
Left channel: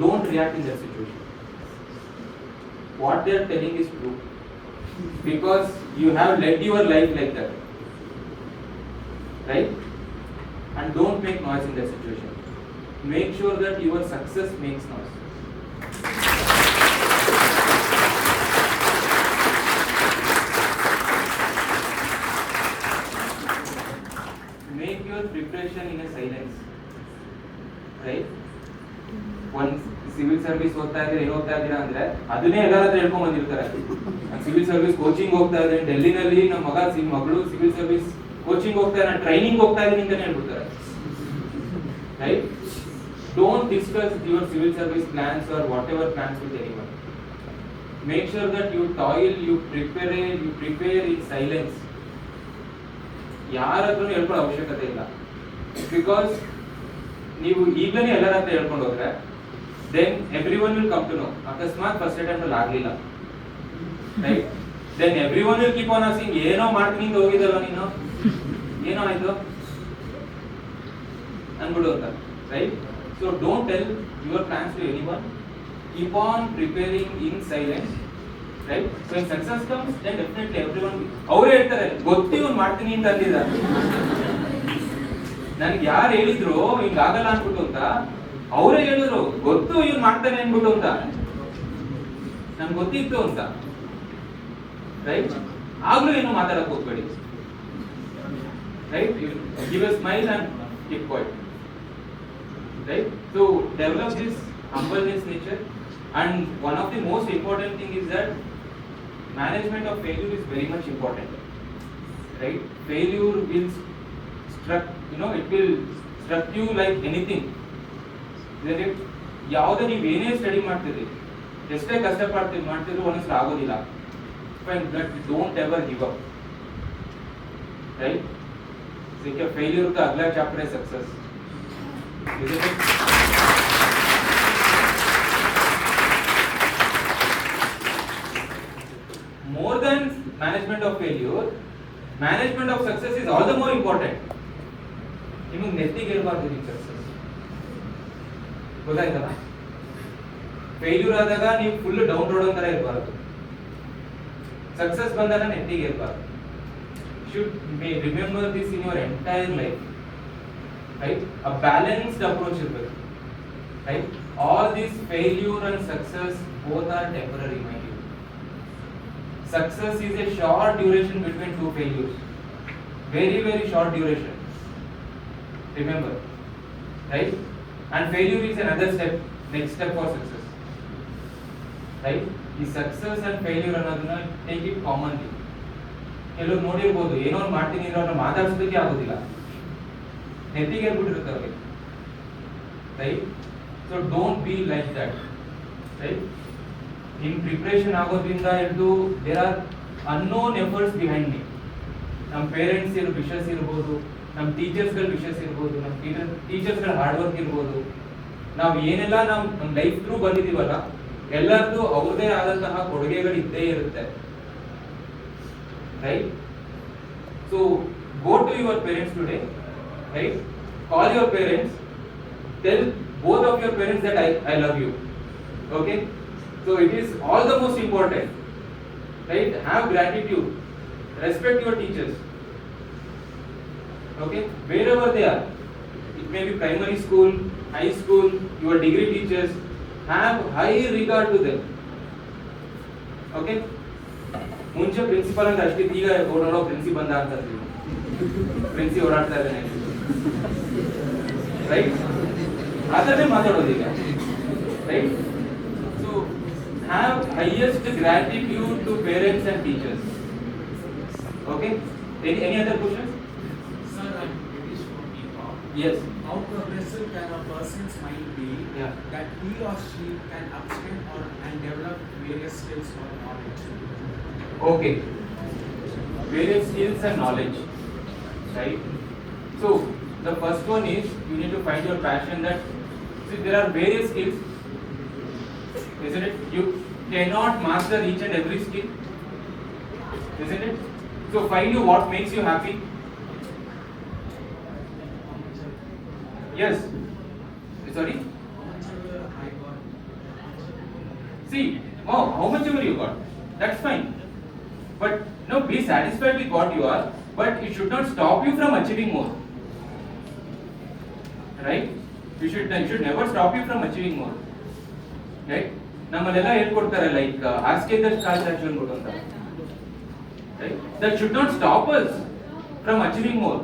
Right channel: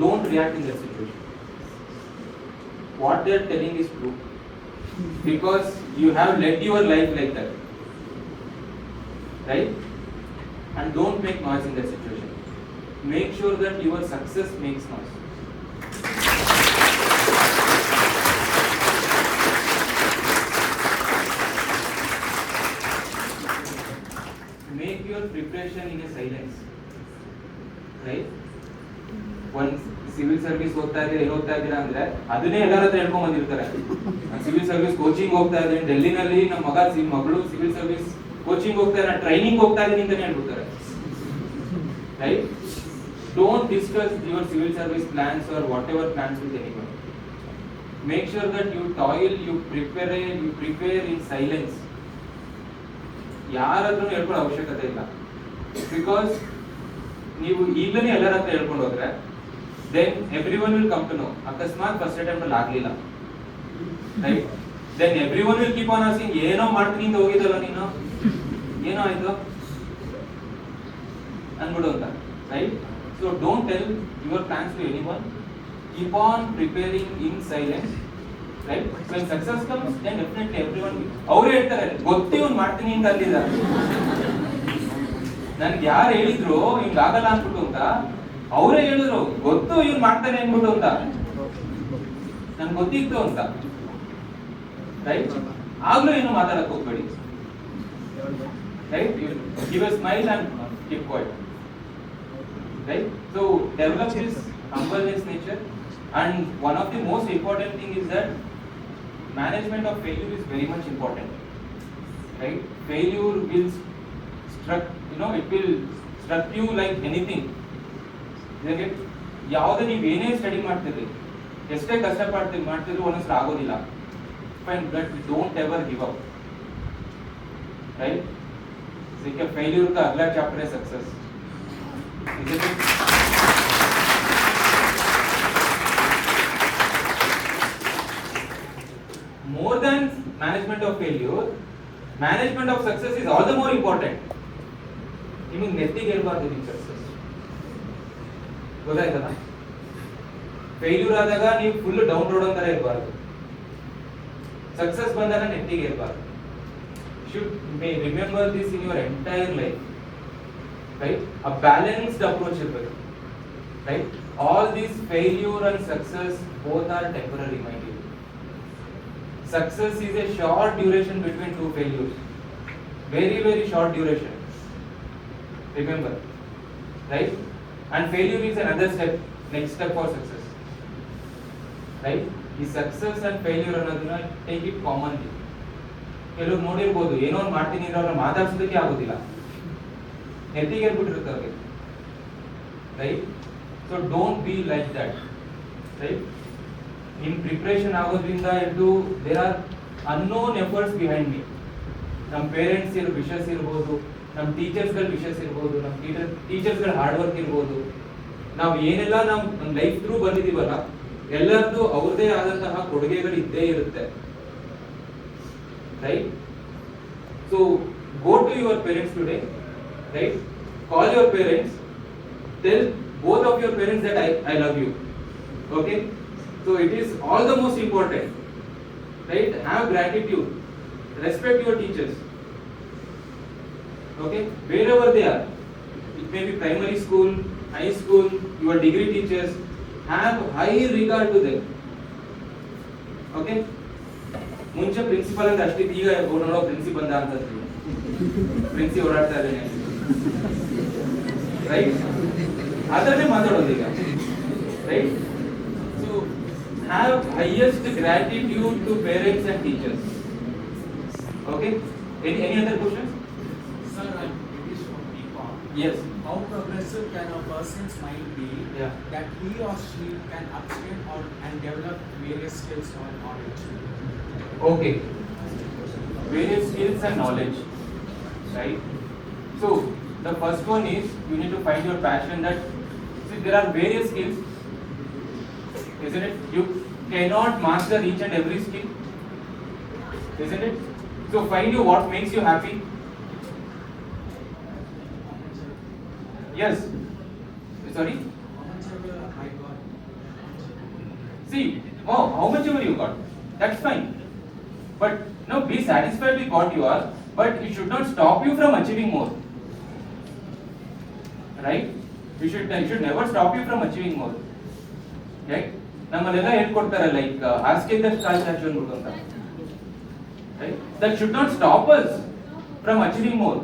Don't react in that situation. What they are telling is true, because you have led your life like that, right? And don't make noise in that situation. Make sure that your success makes noise. Make your preparation in a silence, right? One civil service ಹೋಗ್ತಾ ಇದ್ರೆ ಏನು ಹೋಗ್ತಾ ಇದ್ದೀರಾ ಅಂದ್ರೆ ಅದನ್ನೇ ಎಲ್ಲರ ಹತ್ರ ಹೇಳ್ಕೊಂಡ್ ಬಂದಿರ್ತಾರೆ. ಸಿವಿಲ್ ಸರ್ವಿಸ್ ಕೋಚಿಂಗ್ ಹೋಗ್ತಾ ಇದ್ದೇನೆ ಡೆಲ್ಲಿನಲ್ಲಿ, ನಮ್ಮ ಮಗಳು ಸಿವಿಲ್ ಸರ್ವಿಸ್ ಕೋಚಿಂಗ್ ಹೋಗ್ತಾ ಇದ್ದಾರೆ, ಟ್ರೈನಿಂಗ್ ಹೋಗ್ತಾ ಇದ್ದೀನಿ ಅಂತಾನೆ ಹೇಳ್ಬಿಡ್ತಾರೆ, right? Don't discuss your civil service plans or whatever plans with anyone. Make sure that you toil, you prepare in silence. ಯಾರಾದ್ರೂ ಹೇಳ್ಕೊಳ್ಳೋ ಅವಶ್ಯಕತೆ ಇಲ್ಲ. ಬಿಕಾಸ್ ನೀವು ಈಗಲೇ ಎಲ್ಲರ ಹತ್ರ ಹೇಳ್ಕೊಂಡು ಹೋದ್ರೆ then everyone will come to know. ಅಕಸ್ಮಾತ್ ಫಸ್ಟ್ ಅಟೆಂಪ್ಟ್ ಅಲ್ಲಿ ಆಗ್ಲಿಲ್ಲ, right? then everyone will keep on asking, ಏನೋ ಮಾಡ್ತೀನಿ ಅಂತ ಹೋಗಿದಲ್ಲ ನೀನು, ಏನೋ ಆಯ್ತು ಅನ್ಬಿಡು ಅಂತ, right? So don't tell your plans to anyone. Keep on preparing in silence, right? So in success comes then definitely everyone, ಅವ್ರು ಹೇಳ್ತಾರೆ ಗೊತ್ತು ಇವ್ನು ಮಾಡ್ತೀನಿ ಅಂತ ಅಂದಿದ್ದ, ನನ್ಗೆ ಯಾರು ಹೇಳಿದ್ರು ಹಿಂಗಾಗಲ್ಲ ಅನ್ಬಿಟ್ಟು ಅಂತ, ಅವರೇ ಹೇಳಿದ್ರು ಗೊತ್ತು ಇವ್ನು ಮಾಡ್ತಾನೆ ಅನ್ಬಿಟ್ಟು ಅಂತ, ನನ್ಗೆ ಗೊತ್ತಿತ್ತು ಅಂತ, ರೈಟ್? ಆಗ್ಲೂ ಏನು ಮಾತಾಡಕ್ ಹೋಗ್ಬೇಡಿ, right? Give A smile and keep quiet, right? So develop this humbleness nature. And one of the most important thing is that management of failure is very much important, right? Failure will struck, it will struck you like anything. ಯಾವುದೇ ನೀವು ಏನೇ study ಮಾಡ್ತೀರಿ, ಎಷ್ಟೇ ಮಾಡ್ತಿದ್ರು ಒಂದಷ್ಟು ಆಗೋದಿಲ್ಲ, but don't ever give up, right? देखिए failure का अगला चैप्टर है success. More than management of failure, management of success is all the more important. ನಿಮಗೆ ನೆತ್ತಿಗೆ ಇರಬಾರ್ದು ನಿಮ್ಮ ಸಕ್ಸಸ್, ಗೊತ್ತಾಯ್ತಲ್ಲ? ಫೇಲ್ಯೂರ್ ಆದಾಗ ನೀವು ಫುಲ್ ಡೌನ್ ರೋಡ್ ಅಂತರ ಇರಬಾರ್ದು, ಸಕ್ಸಸ್ ಬಂದಾಗ ನೆಟ್ಟಿಗೆ ಇರಬಾರ್ದು. should may remember this in your entire life, right? A balanced approach ಇರಬೇಕು, right? All these failure and success both are temporary, my dear. Success is a short duration between two failures, very very short duration, remember, right? And failure is another step, next step for success, right? The success and failure ಅನ್ನೋದನ್ನ take it commonly. ಕೆಲವರು ನೋಡಿರ್ಬೋದು, ಏನೋ ಮಾಡ್ತೀನಿ ಅಂದ್ರೆ ಅವ್ರನ್ನ ಮಾತಾಡ್ಸೋದಕ್ಕೆ ಆಗೋದಿಲ್ಲ, ನೆತ್ತಿಗೆ ಹೇಳ್ಬಿಟ್ಟಿರ್ತಾರೆ ಅವ್ರಿಗೆ, right? So don't be like that, right? In preparation ಆಗೋದ್ರಿಂದ ಹಿಡಿದು there are unknown efforts behind me. ನಮ್ಮ ಪೇರೆಂಟ್ಸ್ ವಿಷಸ್ ಇರ್ಬೋದು, ನಮ್ಮ ಟೀಚರ್ಸ್ಗಳ ವಿಷಸ್ ಇರ್ಬೋದು, ನಮ್ಮ ಟೀಚರ್ಸ್ಗಳ ಹಾರ್ಡ್ ವರ್ಕ್ ಇರ್ಬೋದು, ನಾವು ಏನೆಲ್ಲ ನಮ್ಮ ಲೈಫ್ ಥ್ರೂ ಬಂದಿದ್ದೀವಲ್ಲ ಎಲ್ಲರದ್ದು ಅವ್ರದೇ ಆದಂತಹ ಕೊಡುಗೆಗಳು ಇದ್ದೇ ಇರುತ್ತೆ, right? So go to your parents today, right? Call your parents, tell both of your parents that I love you, okay? So it is all the most important, right? Have gratitude, respect your teachers, okay? Wherever they are, it may be primary school, high school, your degree teachers, have high regard to them, okay? ಮುಂಚೆ principal ಅಂತ ಅಷ್ಟಿತ್ತು, ಈಗ ಓಡಾಡೋ principal ಅಂತ ಅಂತೀವಿ, ಪ್ರಿನ್ಸಿ ಓಡಾಡ್ತಾ ಇದ್ದಾನೆ, right? ಅದನ್ನೇ ಮಾತಾಡೋದೀಗ, right? So have highest gratitude to parents and teachers, okay? Any other questions? Yes. How progressive can a person's mind be that he or she can upskill and develop various skills or knowledge? Okay. Various skills and knowledge, right? So the first one is you need to find your passion. That see, there are various skills, isn't it? cannot master each and every skill, isn't it? So find you what makes you happy. Yes. Sorry. See, oh, how much ever you got, that's fine. But no, be satisfied with what you are, but it should not stop you from achieving more. Right? It should never stop you from achieving more. Right? ನಮ್ಮಲ್ಲೆಲ್ಲ ಹೇಳ್ಕೊಡ್ತಾರೆ like ask in the stars as well ಅಂತ. Right? That should not stop us from achieving more.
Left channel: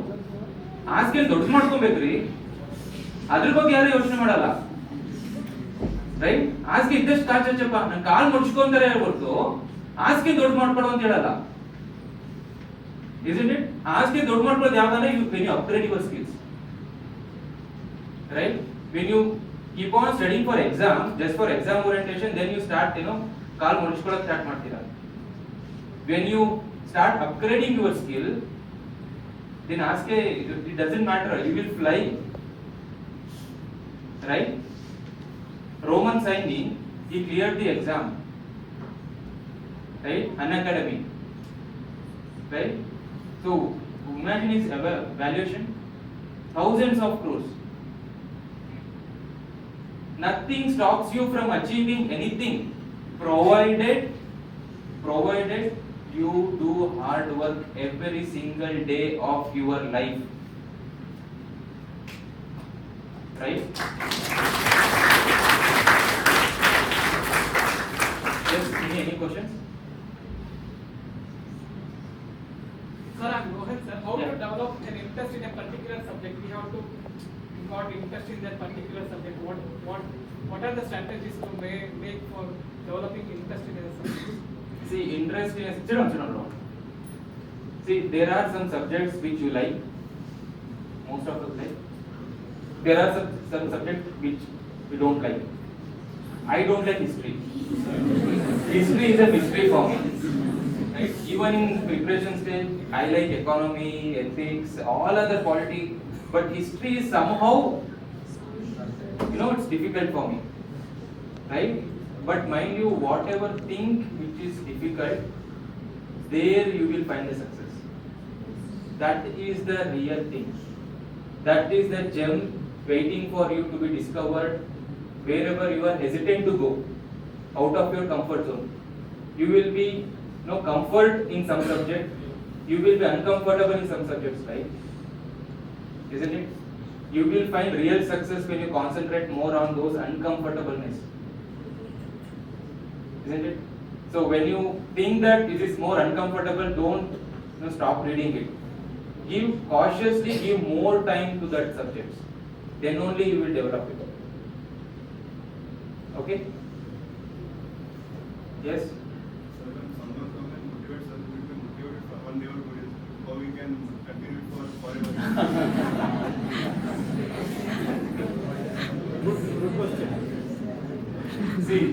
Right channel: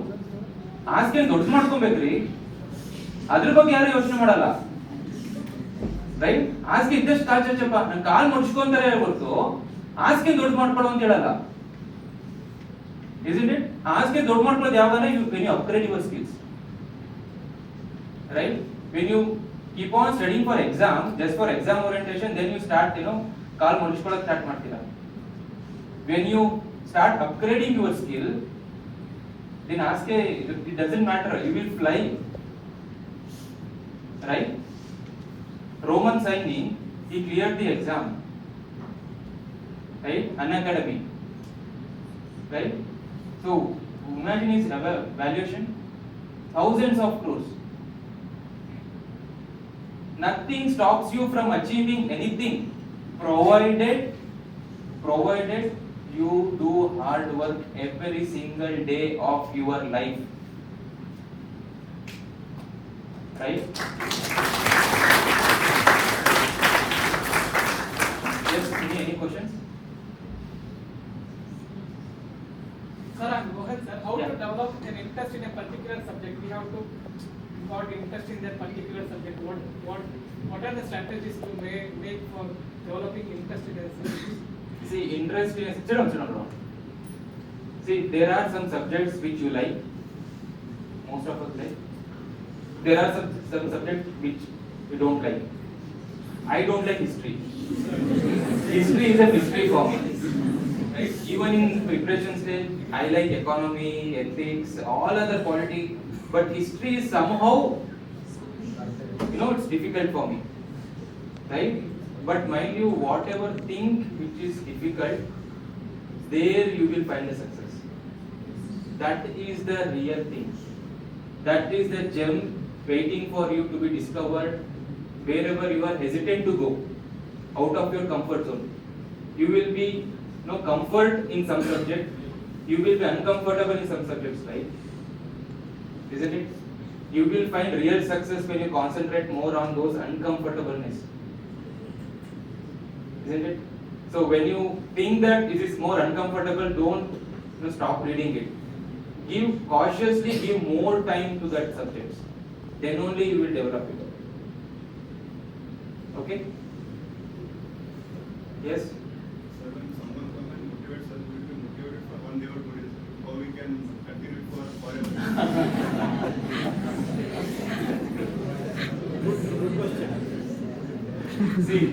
Ask in ದೊಡ್ಡ ಮಾಡ್ಕೊಬೇಕ್ರಿ, ಅದ್ರ ಬಗ್ಗೆ ಯಾರು ಯೋಚನೆ ಮಾಡಲ್ಲ. Right? ಆಸ್ಕೆ ಇದ್ದಷ್ಟು ಕಾಚಪ್ಪ ನನ್ನ ಕಾಲ್ ಮುಡ್ಸ್ಕೊಂತಾರೆ ಹೇಳ್ಬಿಟ್ಟು ಆಸ್ಕೆ ದೊಡ್ಡ ಮಾಡ್ಕೊಳ್ಳೋ ಅಂತ ಹೇಳಲ್ಲ. Isn't it? ಆಸ್ಕೆ ದೊಡ್ಡ ಮಾಡ್ಕೊಳ್ಳೋದು ಯಾವಾಗ when you upgrade your skills. Right? When you keep on studying for exam, just for exam orientation, then you start, ಕಾಲ್ ಮುಡ್ಸ್ಕೊಳ್ಳೋಕೆ ಸ್ಟಾರ್ಟ್ ಮಾಡ್ತೀರಾ. When you start upgrading your skill, then ask it doesn't matter, you will fly. Right? Roman Saini, he cleared the exam, right? Unacademy, right? So imagine his valuation, thousands of crores. Nothing stops you from achieving anything, provided you do hard work every single day of your life. Right? Yes, any questions? Sir, I'm Rohan, sir. How to develop an interest in a particular subject? We have to got interest in that particular subject. What are the strategies to make for developing interest in a subject? See, interest in a See, there are some subjects which you like. Most of us like. There are some subjects which we don't like. I don't like history. History is a mystery for me. Right? Even in preparation stage, I like economy, ethics, all other polity, but history is somehow, it's difficult for me. Right? But mind you, whatever thing which is difficult, there you will find the success. That is the real thing. That is the gem waiting for you to be discovered wherever you are hesitant to go out of your comfort zone. You will be comfort in some subject, you will be uncomfortable in some subjects, right? Isn't it? You will find real success when you concentrate more on those uncomfortableness. Isn't it? So when you think that it is more uncomfortable, don't stop reading it. Cautiously give more time to that subject. Then only you will develop it. Okay? Yes? See,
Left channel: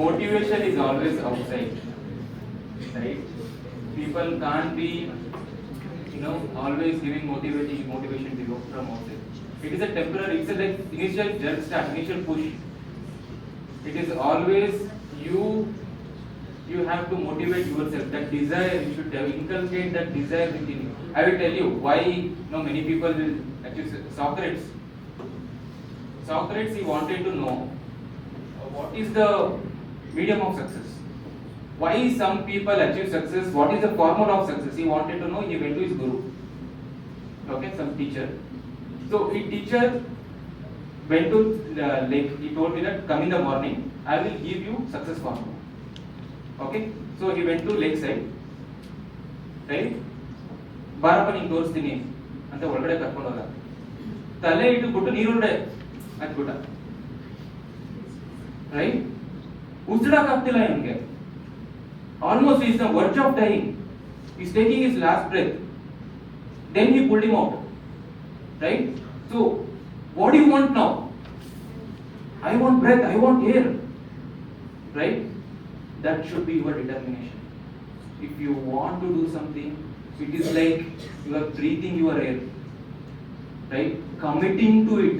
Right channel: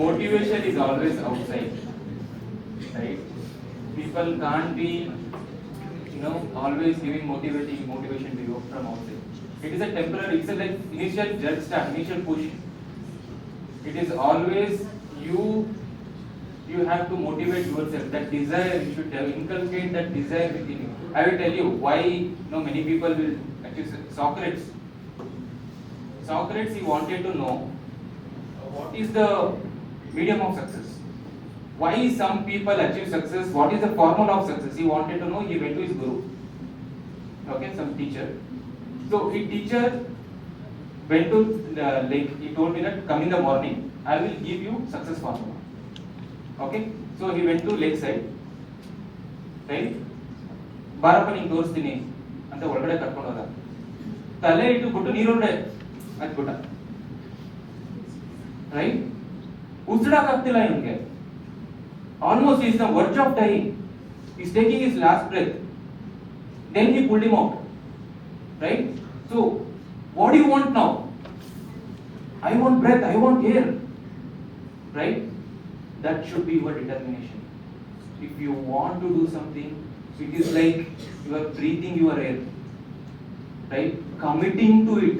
motivation is always outside, right? People can't be, always giving motivation to you from outside. It is a temporary, it's a like initial jump start, initial push. It is always you have to motivate yourself. That desire, you should inculcate that desire within you. I will tell you why many people will achieve Socrates. Socrates, he wanted to know what is the medium of success. Why some people achieve success? What is the formula of success? He wanted to know. He went to his guru. Okay, some teacher. So his teacher went to he told me that come in the morning, I will give you success formula. Okay, so he went to lakeside. Right? ಬಾರಪ್ಪ ನಿಂಗೆ ತೋರಿಸ್ತೀನಿ ಅಂತ ಒಳಗಡೆ ಕರ್ಕೊಂಡು ಹೋದ. ತಲೆ ಇಟ್ಟುಬಿಟ್ಟು ನೀರೊಳಗಡೆ ಹಾಕ್ಬಿಟ್ಟ. Right? ಉಸಿರಾಕಾಗ್ತಿಲ್ಲ ಇವನಿಗೆ. Almost he is on the verge of dying. He is taking his last breath. Then he pulled him out. Right? So, what do you want now? I want breath, I want air. Right? That should be your determination. If you want to do something, it is like you are breathing your air. Right? Committing to it.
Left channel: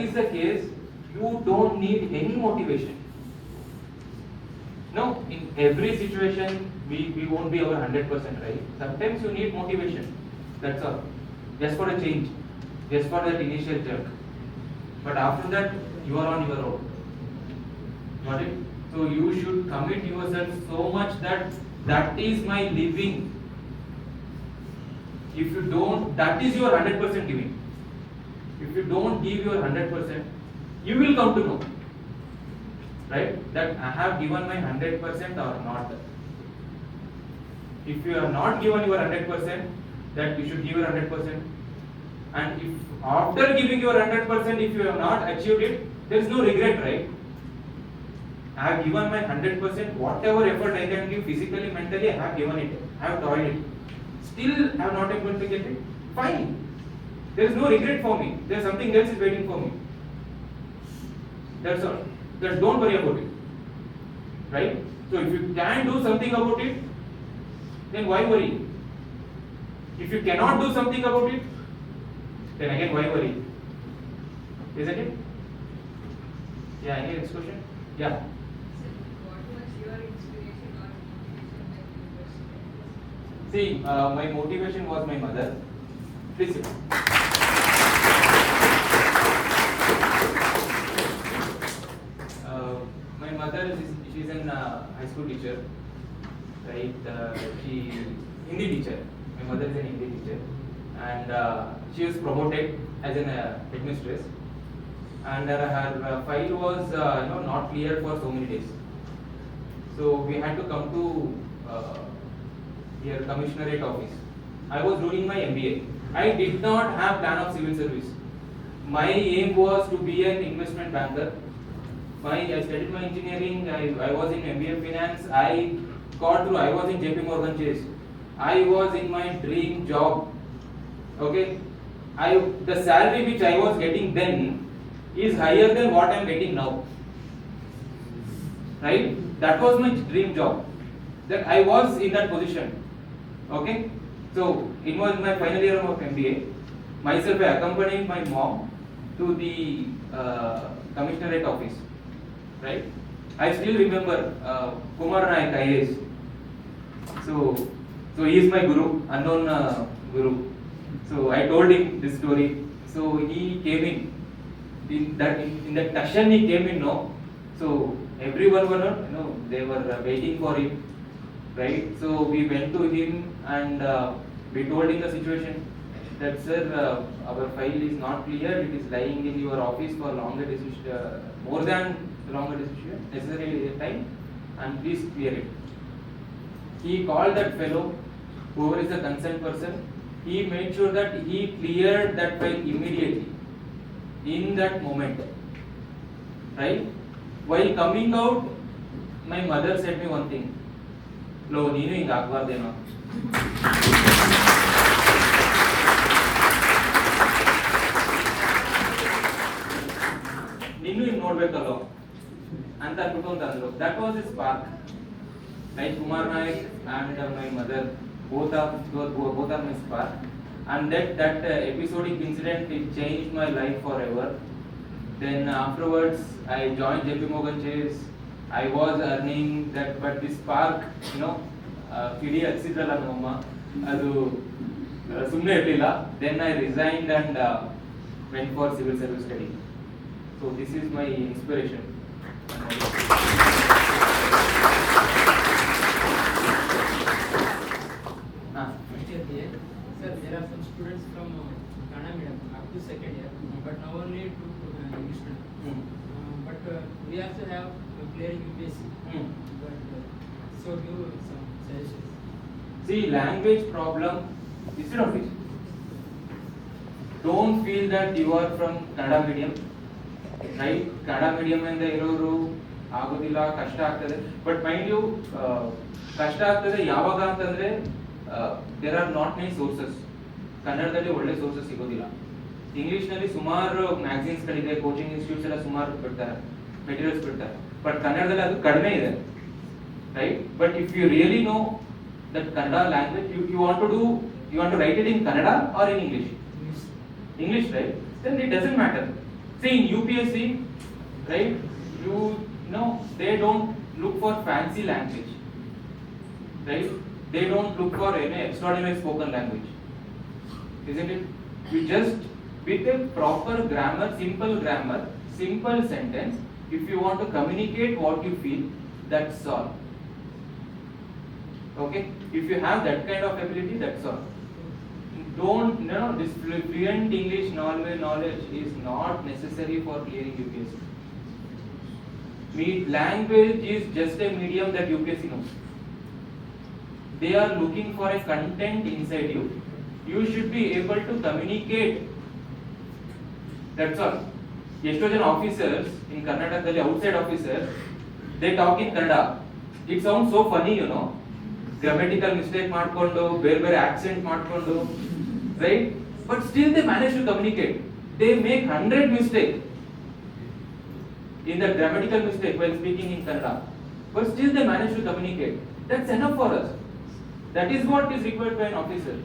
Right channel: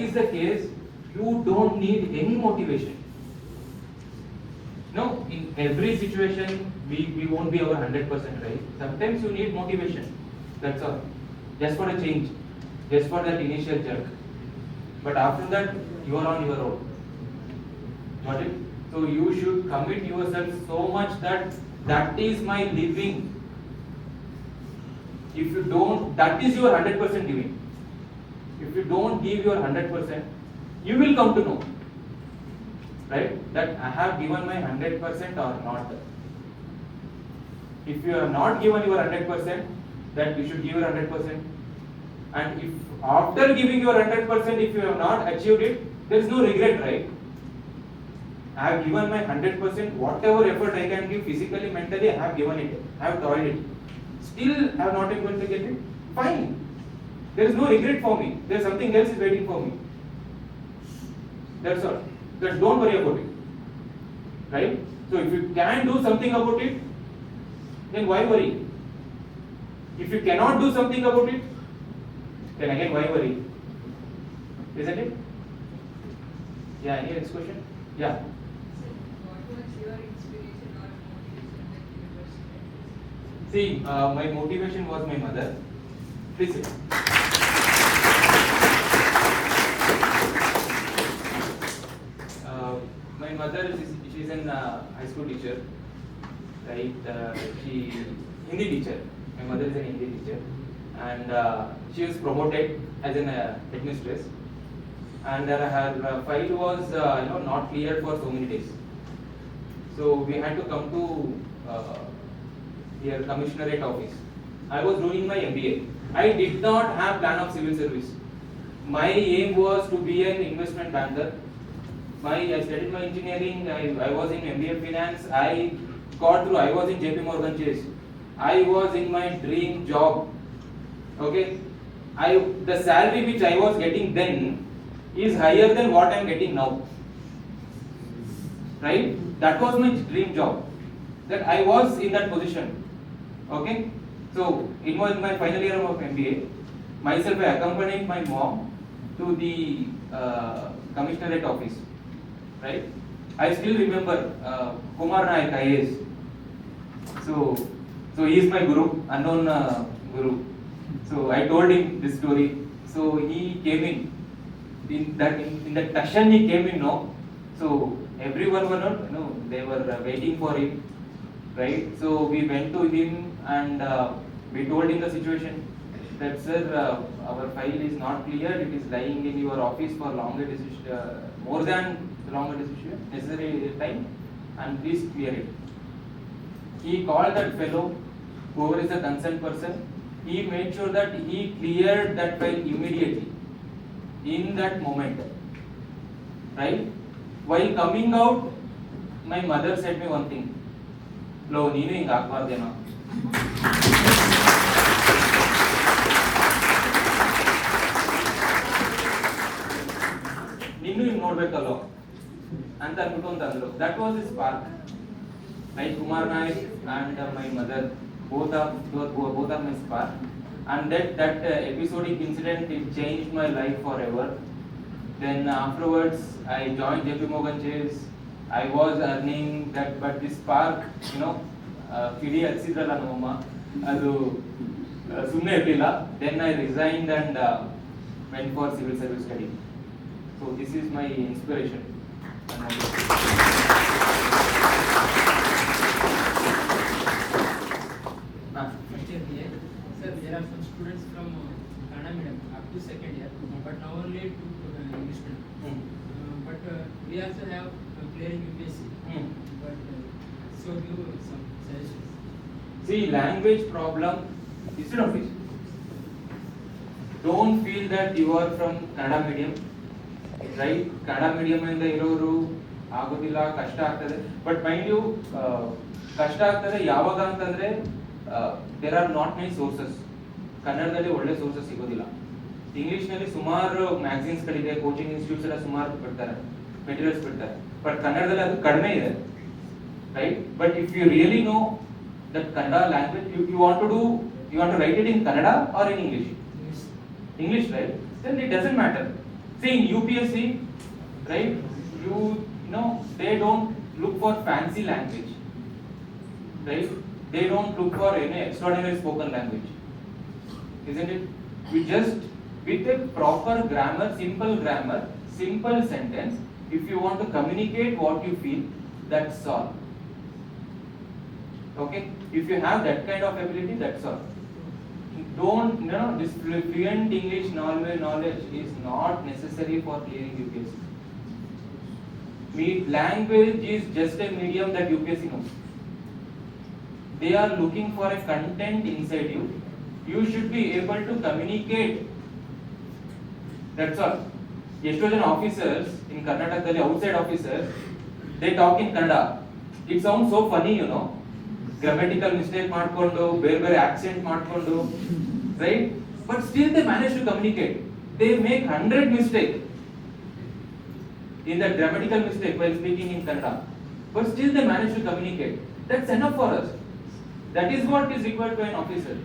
is the case, you don't need any motivation. No, in every situation, we won't be our 100%, right? Sometimes you need motivation. That's all. Just for a change. Just for that initial jerk. But after that, you are on your own. Got it? So you should commit yourself so much that is my living. If you don't, that is your 100% giving. If you don't give your 100%, you will come to know, right? That I have given my 100% or not. If you have not given your 100%, that you should give your 100%. And if after giving your 100%, if you have not achieved it, there is no regret, right? I have given my 100%, whatever effort I can give physically, mentally, I have given it. I have toiled it. Still, I have not able to get it. Fine. There is no regret for me. There is something else is waiting for me. That's all. Just don't worry about it. Right? So if you can do something about it, then why worry? If you cannot do something about it, then again why worry? Isn't it? Yeah, any next question? Yeah. What was your inspiration or motivation? See, my motivation was my mother. Please sit. My mother, she's an high school teacher, right? She Hindi teacher. My mother is an Hindi teacher, and she was promoted as an headmistress. And her file was not clear for so many days. So we had to come to here commissionerate office. I was doing my MBA. I did not have plan of civil service. My aim was to be an investment banker. I studied my engineering. I was in MBA finance. I got through. I was in JP Morgan Chase. I was in my dream job. Okay. The salary which I was getting then is higher than what I am getting now. Right? That was my dream job. That I was in that position. Okay. So it was my final year of MBA. Myself, I accompanied my mom to the commissionerate office. Right? I still remember Kumar Naik IAS. So he is my guru, unknown guru. So I told him this story. So he came in. In that Tashan he came in, no. So everyone were not, they were waiting for him, right? So we went to him and we told him the situation. That sir, our file is not clear. It is lying in your office for longer decision, more than longer decision, necessary time, and please clear it. He called that fellow, whoever is the concerned person. He made sure that he cleared that file immediately, in that moment, right? While coming out, my mother said me one thing. Lo, neenu hinga aagbaardeno. Ninnu hinga nodbekallo anta anutond andro. That was his spark. Right, Kumar Naik and my mother, both are my spark. And that episodic incident, it changed my life forever. Then afterwards, I joined JP Morgan Chase. I was earning that, but this spark, kidi hachidalla namma, adu sumne irliಲ್ಲ. Then I resigned and went for civil service study. So this is my inspiration. Here. Sir, there are some students from Kannada medium up to second year, but now only to English medium. But we also have clearing UPSC. But so do some suggestions. See, language problem, instead of it, don't feel that you are from Kannada medium, right? Kannada medium and the iroru agodilla kashta agtade. But mind you, kashta agtade yavaga antandre there are not many sources. ಕನ್ನಡದಲ್ಲಿ ಒಳ್ಳೆ sources ಸಿಗೋದಿಲ್ಲ. English ನಲ್ಲಿ ಸುಮಾರು magazines ಗಳಿದೆ, coaching institutes ಎಲ್ಲ ಸುಮಾರು ಬಿಡ್ತಾರೆ, materials ಬಿಡ್ತಾರೆ. ಬಟ್ ಕನ್ನಡದಲ್ಲಿ ಅದು ಕಡಿಮೆ ಇದೆ, right? But if you really know that Kannada language, you want to write it in Kannada or in English? English, right? Then it doesn't matter. See in UPSC, right? You know they don't look for fancy language, right? They don't look for any extraordinary spoken language, isn't it? We just with a proper grammar, simple sentence. If you want to communicate what you feel, that's all. Okay? If you have that kind of ability, that's all. Don't, this fluent English knowledge is not necessary for clearing UPSC. Language is just a medium that UPSC knows. They are looking for a content inside you. You should be able to communicate. That's all. Yesterday officers in Karnataka, outside officers, they talk in Kannada. It sounds so funny, grammatical mistake ಮಾಡ್ಕೊಂಡು ಬೇರೆ accent ಮಾಡ್ಕೊಂಡು, right? But still they manage to communicate. They make 100 mistakes in the grammatical mistake while speaking in Kannada, but still they manage to communicate. That's enough for us. That is what is required by an officer,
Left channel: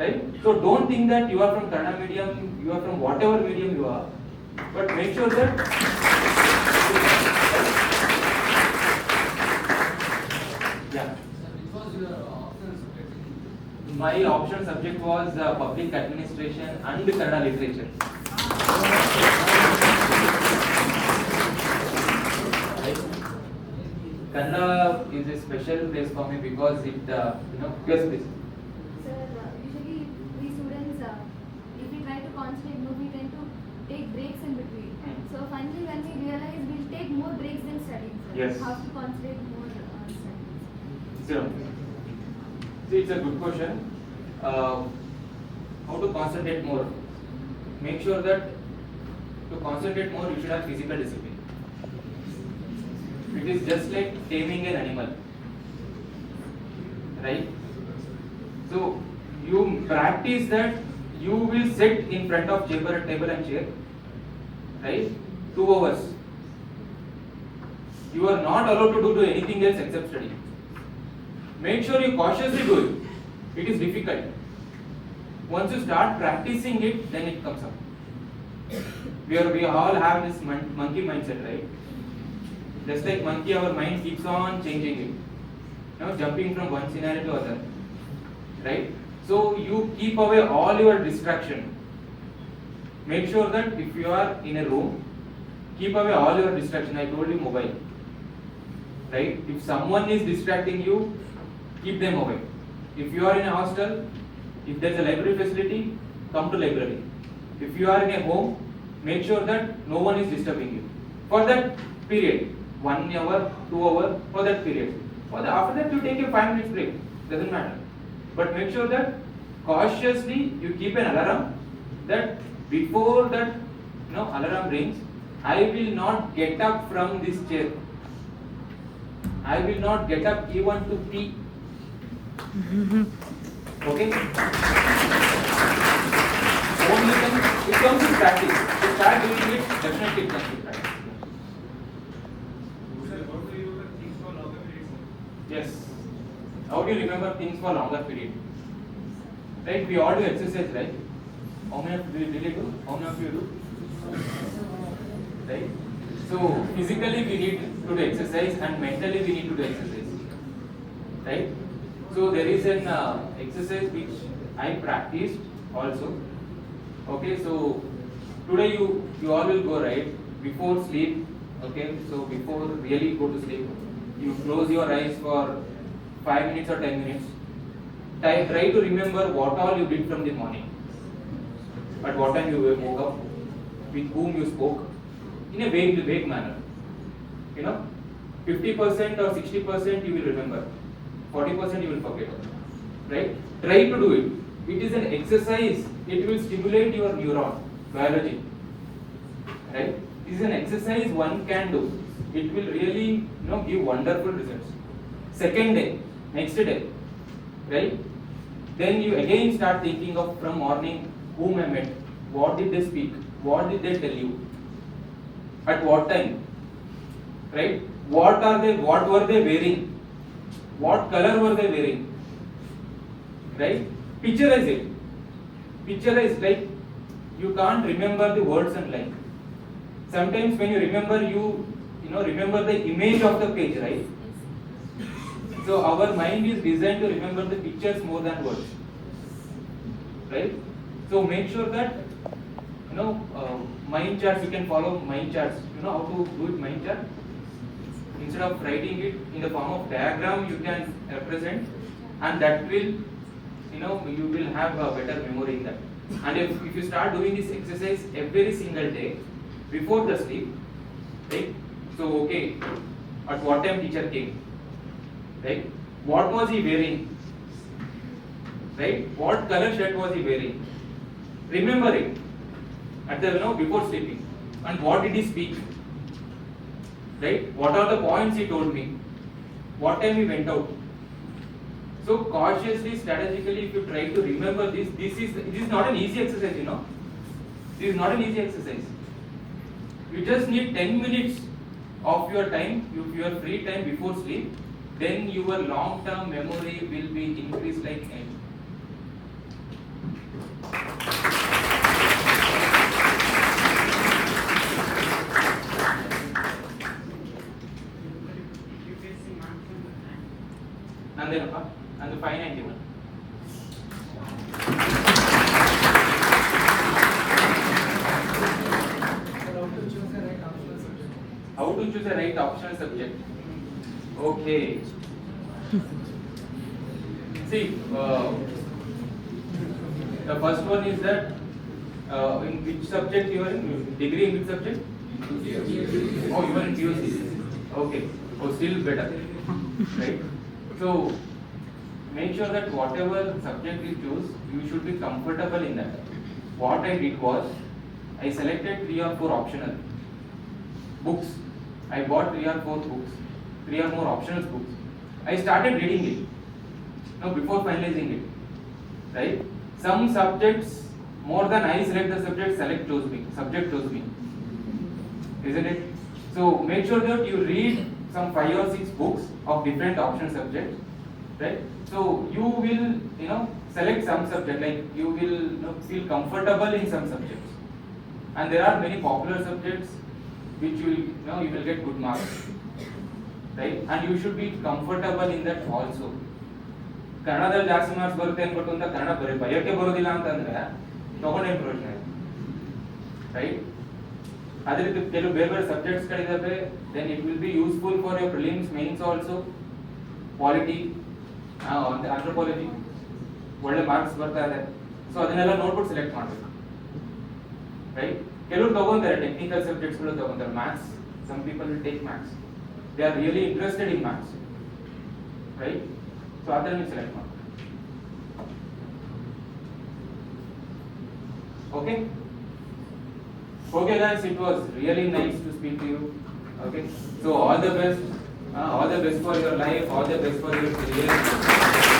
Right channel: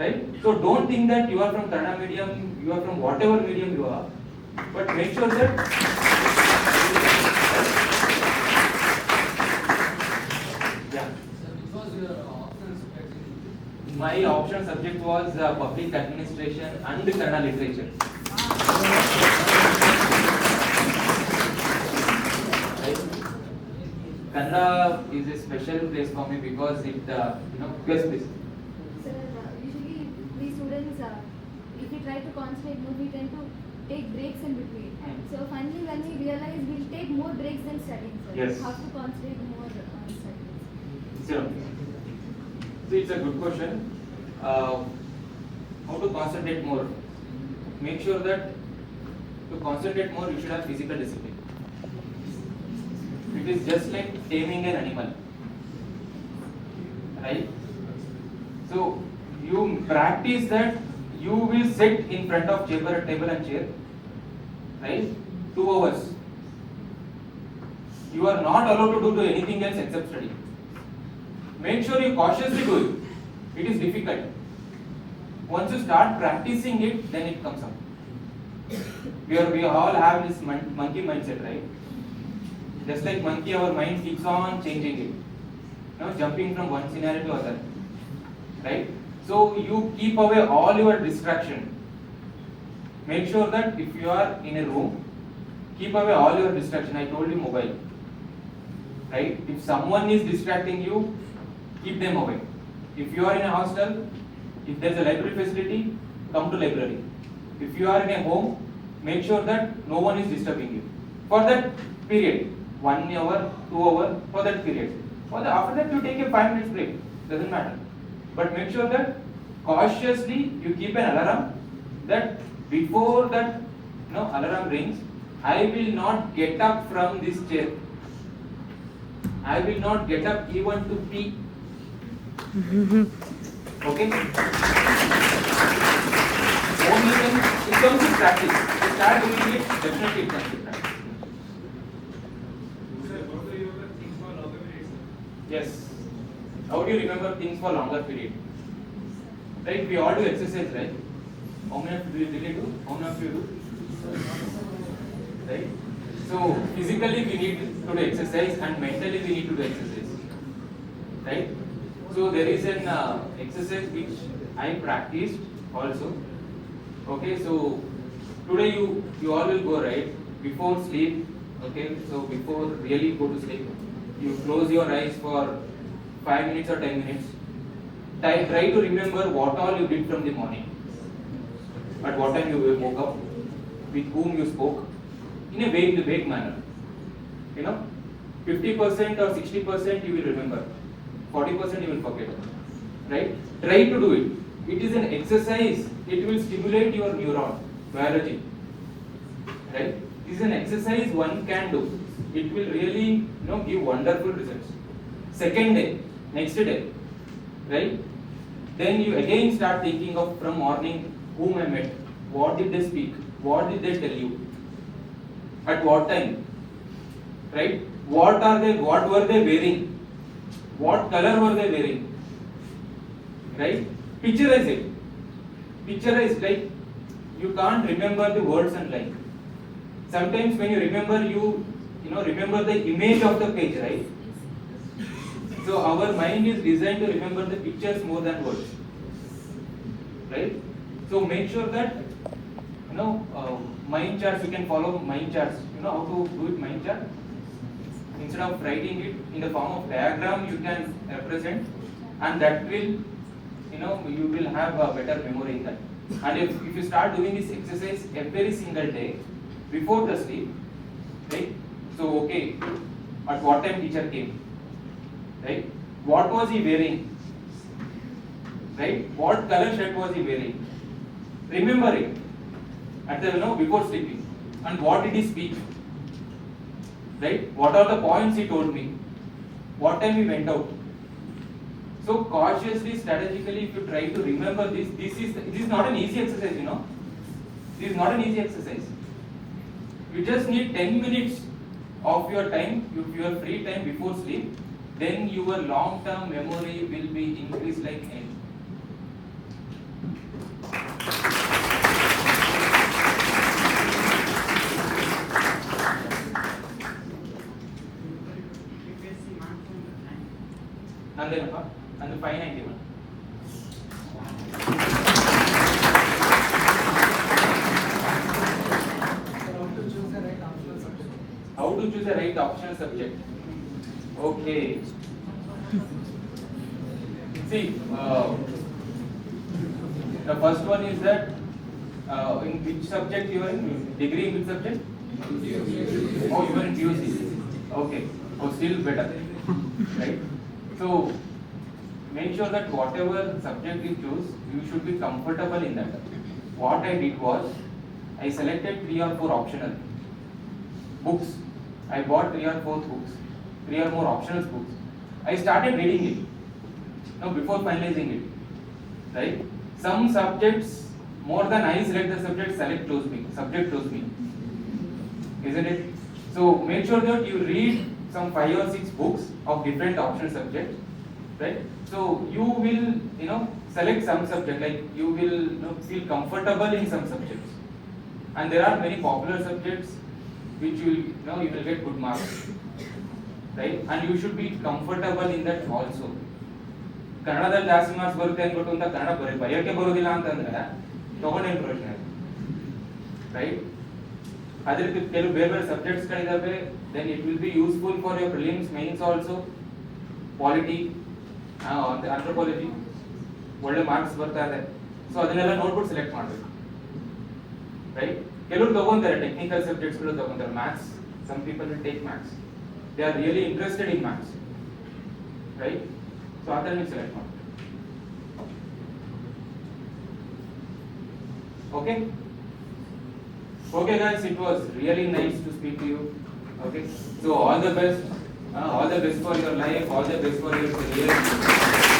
right? So don't think that you are from Kannada medium, you are from whatever medium you are, but make sure that yeah. My optional subject was public administration and Kannada literature. Kannada is a special place for me because it, yes, please. Sir, usually we students, if we try to concentrate more, we tend to take breaks in between. So finally, when we realize we'll take more breaks than studying. Sir. Yes. How to concentrate more on studying? Sure. See, it's a good question. How to concentrate more? Make sure that to concentrate more, you should have physical discipline. It is just like taming an animal, right? So you practice that. You will sit in front of table and chair, right? 2 hours. You are not allowed to do anything else except study. Make sure you cautiously do it. It is difficult. Once you start practicing it, then it comes up. We all have this monkey mindset, right? Just like monkey, our mind keeps on changing it, jumping from one scenario to other, right? So you keep away all your distraction. Make sure that if you are in a room, keep away all your distraction. I told you mobile, right? If someone is distracting you, keep them away. If you are in a hostel, if there is a library facility, come to library. If you are in a home, make sure that no one is disturbing you. For that period, 1 hour, 2 hours, for that period. After that, you take a 5 minutes break. Doesn't matter. But make sure that cautiously you keep an alarm that before that alarm rings, I will not get up from this chair. I will not get up even to pee. Okay? Only then it comes to practice. The child will do it, definitely it comes to practice. Yes. How do you remember things for longer period? Right? We all do exercise, right? How many of you really do? How many of you do? Right? So physically we need to do exercise and mentally we need to do exercise. Right? So there is an exercise which I practiced also. Okay, so today you all will go, right? Before sleep, okay, so before really go to sleep, you close your eyes for 5 minutes or 10 minutes. Try to remember what all you did from the morning. At what time you woke up, with whom you spoke, in a vague manner. 50% or 60% you will remember, 40% you will forget. Right? Try to do it. It is an exercise. It will stimulate your neuron biology. Right? It is an exercise one can do. It will really give wonderful results. Second day, next day, right? Then you again start thinking of from morning whom I met, what did they speak, what did they tell you, at what time, right? What were they wearing, what color were they wearing, right? Picturize it. Picturize, like you can't remember the words and line. Sometimes when you remember, remember the image of the page, right? So our mind is designed to remember the pictures more than words, right? So make sure that mind charts, you can follow mind charts. You know how to do it mind chart? Instead of writing it in the form of diagram, you can represent, and that will, you will have a better memory in that. And if you start doing this exercise every single day before the sleep, right? So okay, at what time teacher came, right? What was he wearing, right? What color shirt was he wearing? Remember it at the before sleeping. And what did he speak? Right? What are the points he told me? What time we went out? So cautiously, strategically, if you try to remember this, this is not an easy exercise, This is not an easy exercise. You just need 10 minutes of your time, your free time before sleep, then your long-term memory will be increased like anything. Nandenappa, and the 591. How to choose a right optional subject? Okay. See, the first one is that in which subject you are in? Degree in which subject? Oh, you are in PUC. Okay. Oh, still better. Right? So, make sure that whatever subject you choose, you should be comfortable in that. What I did was, I selected 3 or 4 optional books. I bought 3 or 4 books, 3 or more optional books. I started reading it, before finalizing it, right? Some subjects, more than I select the subject, subject chose me, isn't it? So make sure that you read some 5 or 6 books of different optional subjects, right? So you will, select some subject, like you will feel comfortable in some subjects. And there are many popular subjects which you will get good marks, right? And you should be comfortable in that also. ಕನ್ನಡದಲ್ಲಿ ಜಾಸ್ತಿ marks ಬರುತ್ತೆ ಅನ್ಬಿಟ್ಟು ಅಂತ ಕನ್ನಡ ಬರೆಯೋಕೆ ಬರೋದಿಲ್ಲ ಅಂತಂದ್ರೆ ತಗೊಂಡೇನು ಪ್ರಯೋಜನ, right? ಅದೇ ರೀತಿ ಕೆಲವು ಬೇರೆ ಬೇರೆ ಸಬ್ಜೆಕ್ಟ್ಸ್ ಗಳಿದಾವೆ, then it will be useful for your prelims mains also. Polity, anthropology ಒಳ್ಳೆ ಮಾರ್ಕ್ಸ್ ಬರ್ತಾ ಇದೆ, ಸೊ ಅದನ್ನೆಲ್ಲ ನೋಡ್ಬಿಟ್ಟು ಸೆಲೆಕ್ಟ್ ಮಾಡಬೇಕು, ರೈಟ್? ಕೆಲವರು ತಗೊಂತಾರೆ ಟೆಕ್ನಿಕಲ್ ಸಬ್ಜೆಕ್ಟ್ಸ್ ಗಳು ತಗೊಂತಾರೆ, maths. Some people will take maths, they are really interested in maths, right? So other will select one. Okay. Okay guys, it was really nice to speak to you. Okay. So all the best for your life, all the best for your career.